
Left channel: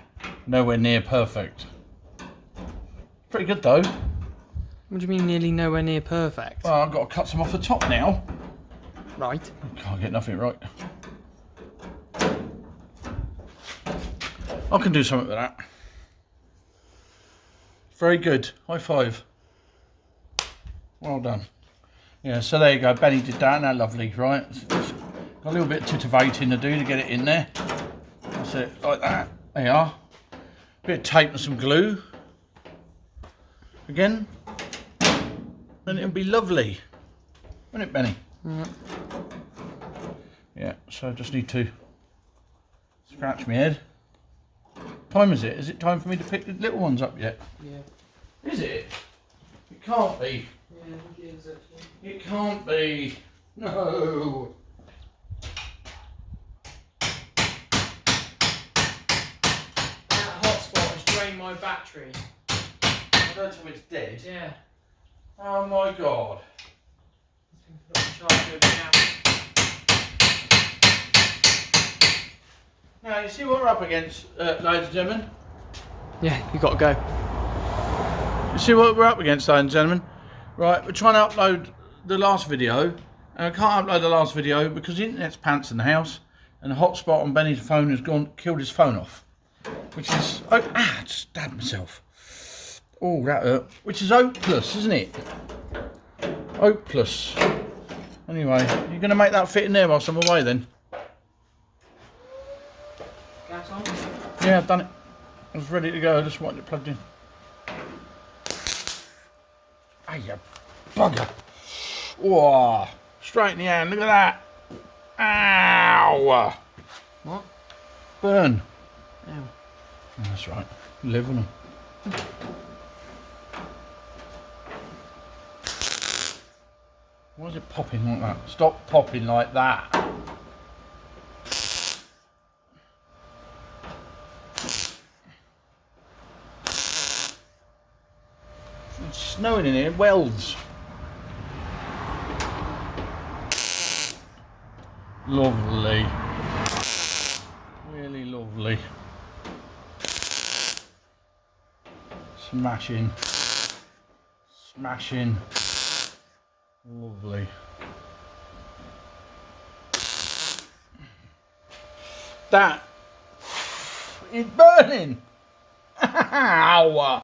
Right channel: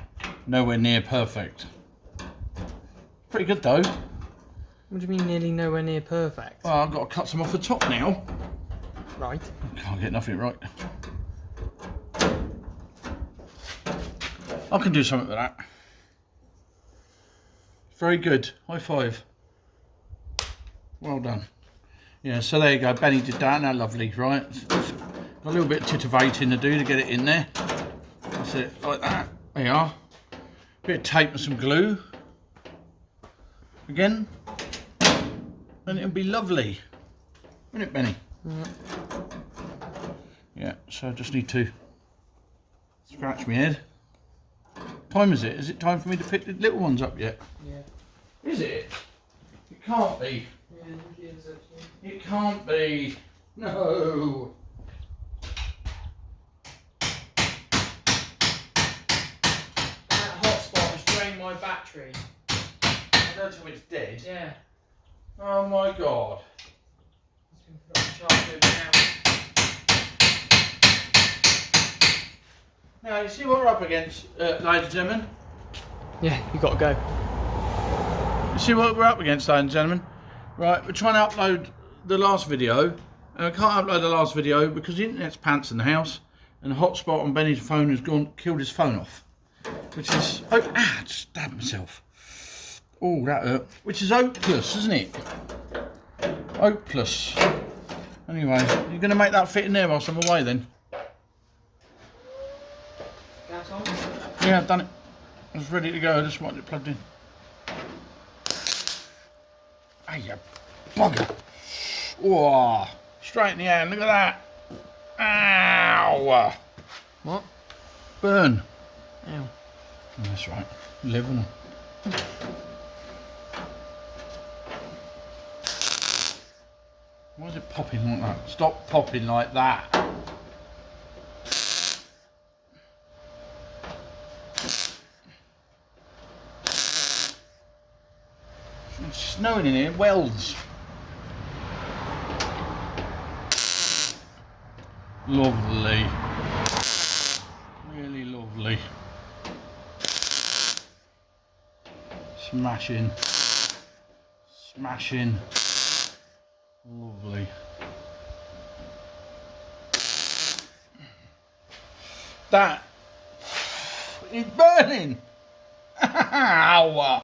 nowhere near perfect. Pretty good though. What do you mean nearly nowhere near perfect? Well, I've got to cut some off the top now. Right. I can't get nothing right. I can do something with that. Very good. High five. Well done. Yeah, so there you go. Benny did that. Now lovely, right? Got a little bit of titivating to do to get it in there. That's it, like that. There you are. Bit of tape and some glue. Again. And it'll be lovely. Won't it, Benny? Yeah, so I just need to scratch my head. Time is it? Is it time for me to pick the little ones up yet? Yeah. Is it? It can't be. Yeah, it is actually. It can't be. No. That hotspot has drained my battery. I don't tell me it's dead. Yeah. Oh my god. Put on charge over now. Now you see what we're up against, ladies and gentlemen? Yeah, you got to go. You see what we're up against, ladies and gentlemen? Right, we're trying to upload the last video, and I can't upload the last video because the internet's pants in the house, and the hotspot on Benny's phone has killed his phone off. Which is, I just stabbed myself. Oh, that hurt. Which is hopeless, isn't it? Hopeless. Anyway, you're going to make that fit in there whilst I'm away then? Gas on? Yeah, I've done it. I was ready to go, I just wanted it plugged in. Ah, you bugger. Whoa, straight in the hand, look at that. Ow. What? Burn. Ew. Oh, that's right, live on them. Why is it popping like that? Stop popping like that. It's snowing in here, welds. Lovely. Really lovely. Smashing. Smashing. Lovely. That is burning. Ow.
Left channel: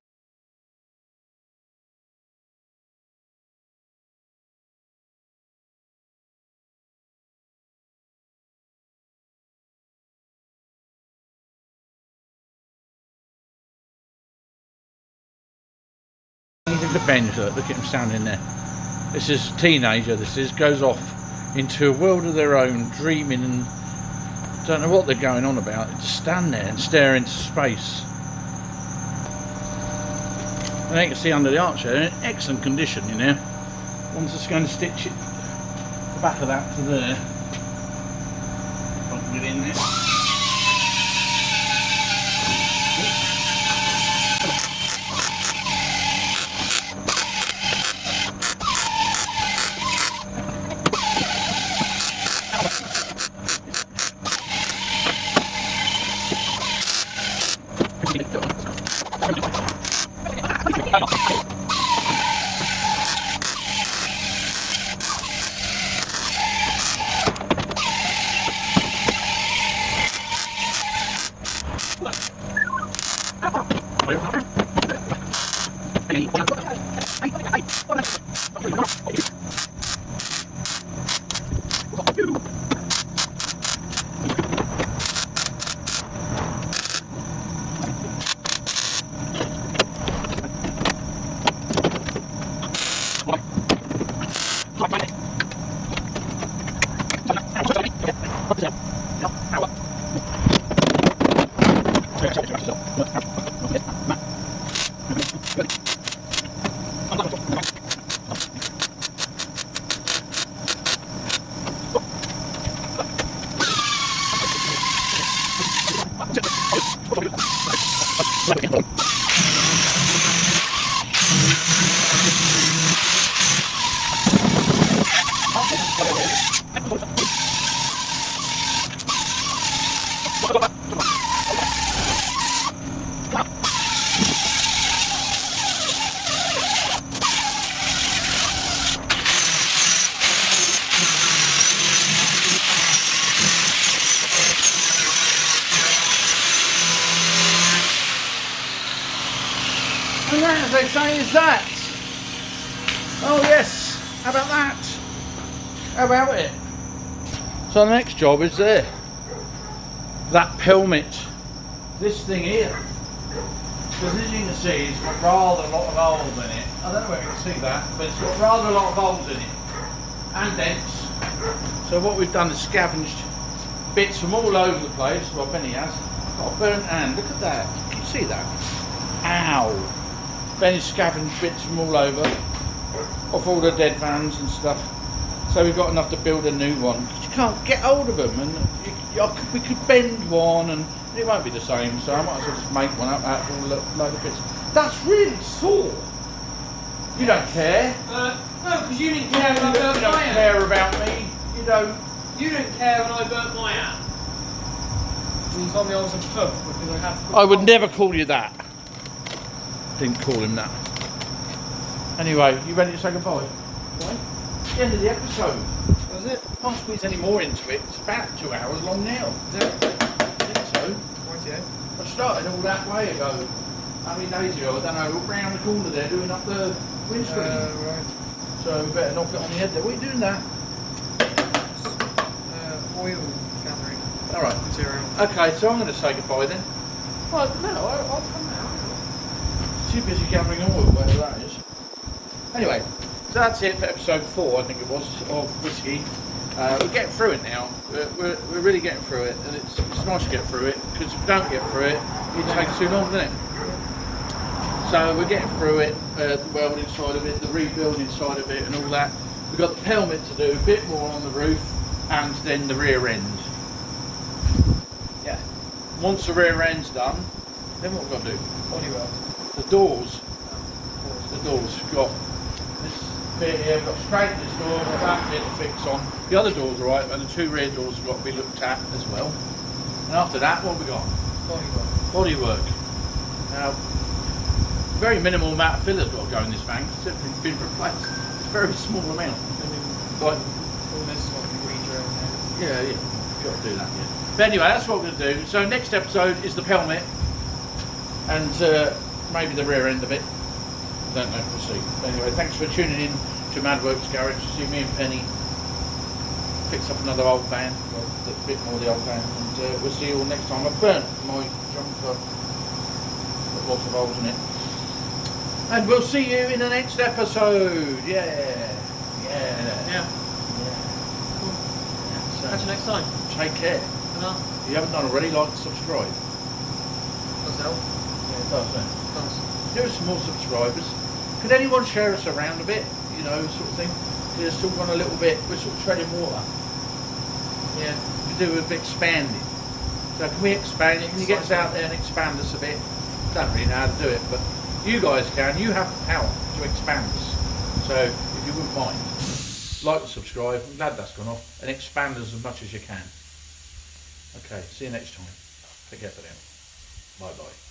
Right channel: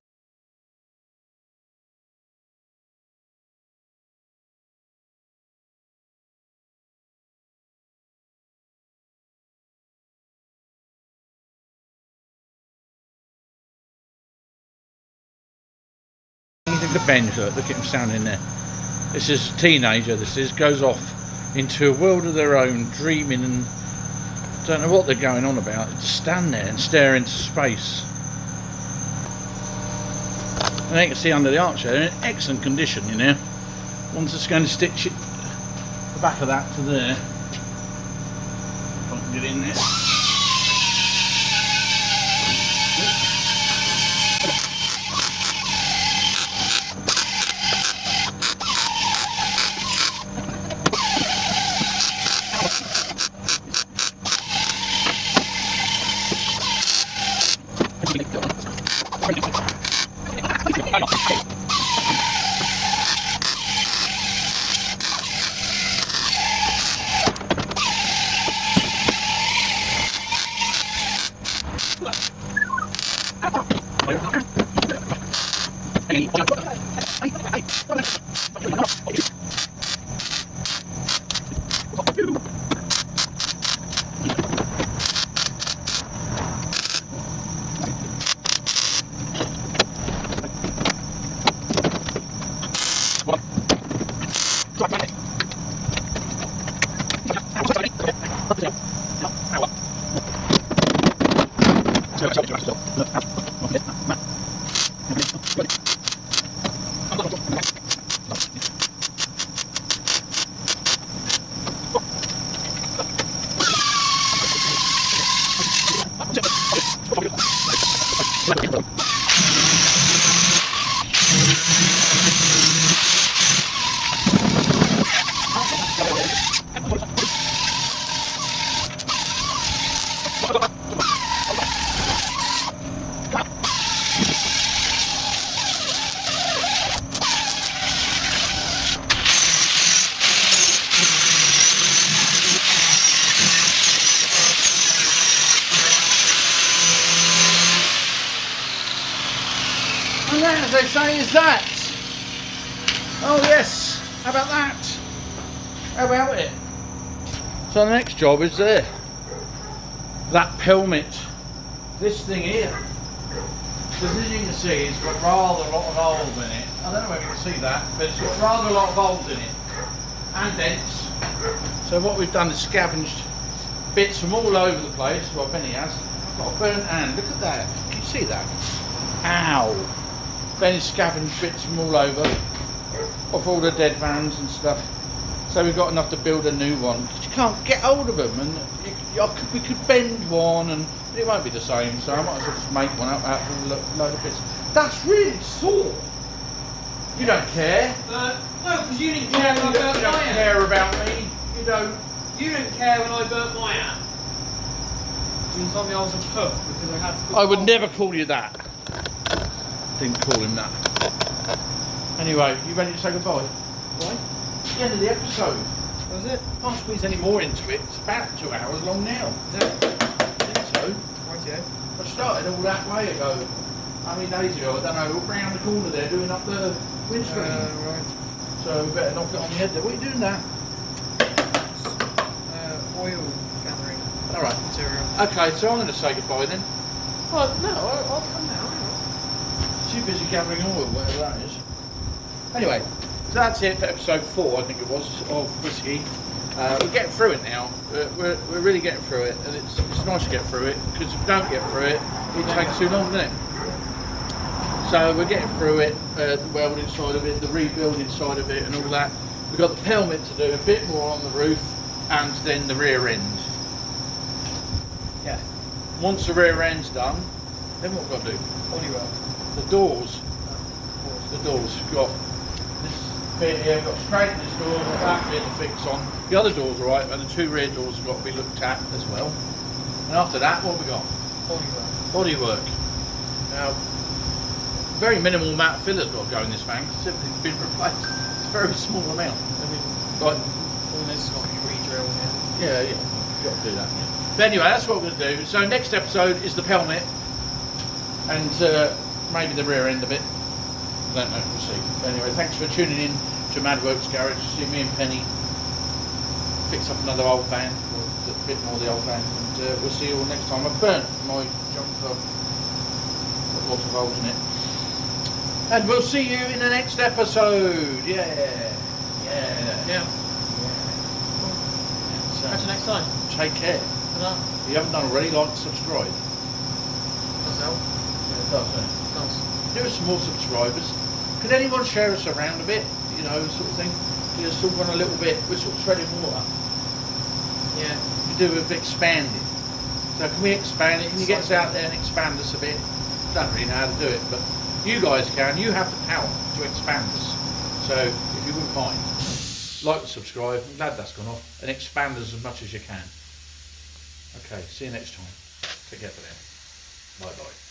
Look at the bench, look at him standing there. This is a teenager, goes off into a world of their own, dreaming and don't know what they're going on about. They just stand there and stare into space. And they can see under the arch there, they're in excellent condition, you know. One's just going to stitch it, the back of that to there. Don't get in there. And that, as they say, is that. Oh yes, how about that? How about it? So the next job is there. That Pelmet. This thing here. Because as you can see, it's got rather a lot of holes in it. I don't know whether you can see that, but it's got rather a lot of holes in it. And dents. So what we've done is scavenged bits from all over the place. Well, Benny has. I've got a burnt hand. Look at that. Can you see that? Ow. Benny's scavenged bits from all over. Off all the dead vans and stuff. So we've got enough to build a new one. Because you can't get hold of them. And we could bend one and it won't be the same. So I might as well just make one up out of a load of bits. That's really sore. You don't care. No, because you didn't care when I burnt You don't my care hand. about me. You don't. You didn't care when I burnt my hand. And suddenly I was a cook because I had to put I would coal- never call you that. Didn't call him that. Anyway, you ready to say goodbye? What? It's the end of the episode. What is it? Can't squeeze any more into it. It's about 2 hours long now. Is it? I think so. Rightio. I started all that way ago. How many days ago? I don't know. We're around the corner there doing up the windscreen. Right. So we better knock it on the head there. What are you doing there? Oil gathering Alright. material. Okay, so I'm going to say goodbye then. Well, no, I'll come now. Too busy gathering oil, whatever that is. Anyway, so that's it for episode 4, I think it was, of Whiskey. We're getting through it now. We're really getting through it, and it's nice to get through it, because if we don't get through it, it takes too long, doesn't it? So we're getting through it, the welding side of it, the rebuilding side of it, and all that. We've got the Pelmet to do, a bit more on the roof, and then the rear end. Yeah. Once the rear end's done, then what we're going to do? Holy well. The doors. The doors. We've got this bit here, we've got to straighten this door, we've got that bit to fix on. The other door's alright, but the 2 rear doors have got to be looked at as well. And after that, what have we got? Bodywork. Now, very minimal amount of filler's got to go in this van, because it's been replaced. It's a very small amount. I mean, Like, all this got to be re-gel. yeah, you've got to do that, yeah. But anyway, that's what we're going to do. So next episode is the Pelmet, and maybe the rear end of it. I don't know, we'll see. But anyway, thanks for tuning in to Madworks Garage. See me and Penny fix up another old van, well, a bit more of the old van, and we'll see you all next time. I've burnt my jumper, got lots of holes in it. And we'll see you in the next episode. Yeah. Cool. So, Catch you next time. take care. Ta-da. If you haven't done already, like, subscribe. Does help. Yeah, it does, doesn't it? Does. There are some more subscribers. Could anyone share us around a bit? You know, sort of thing. We're still gone a little bit. We're sort of treading water. Yeah. We do with expanding. So can we expand it? Can you get us out there and expand us a bit? Don't really know how to do it, but you guys can. You have the power to expand us. So if you wouldn't mind, like and subscribe. I'm glad that's gone off. And expand us as much as you can. Okay, see you next time. Take care for now. Bye bye.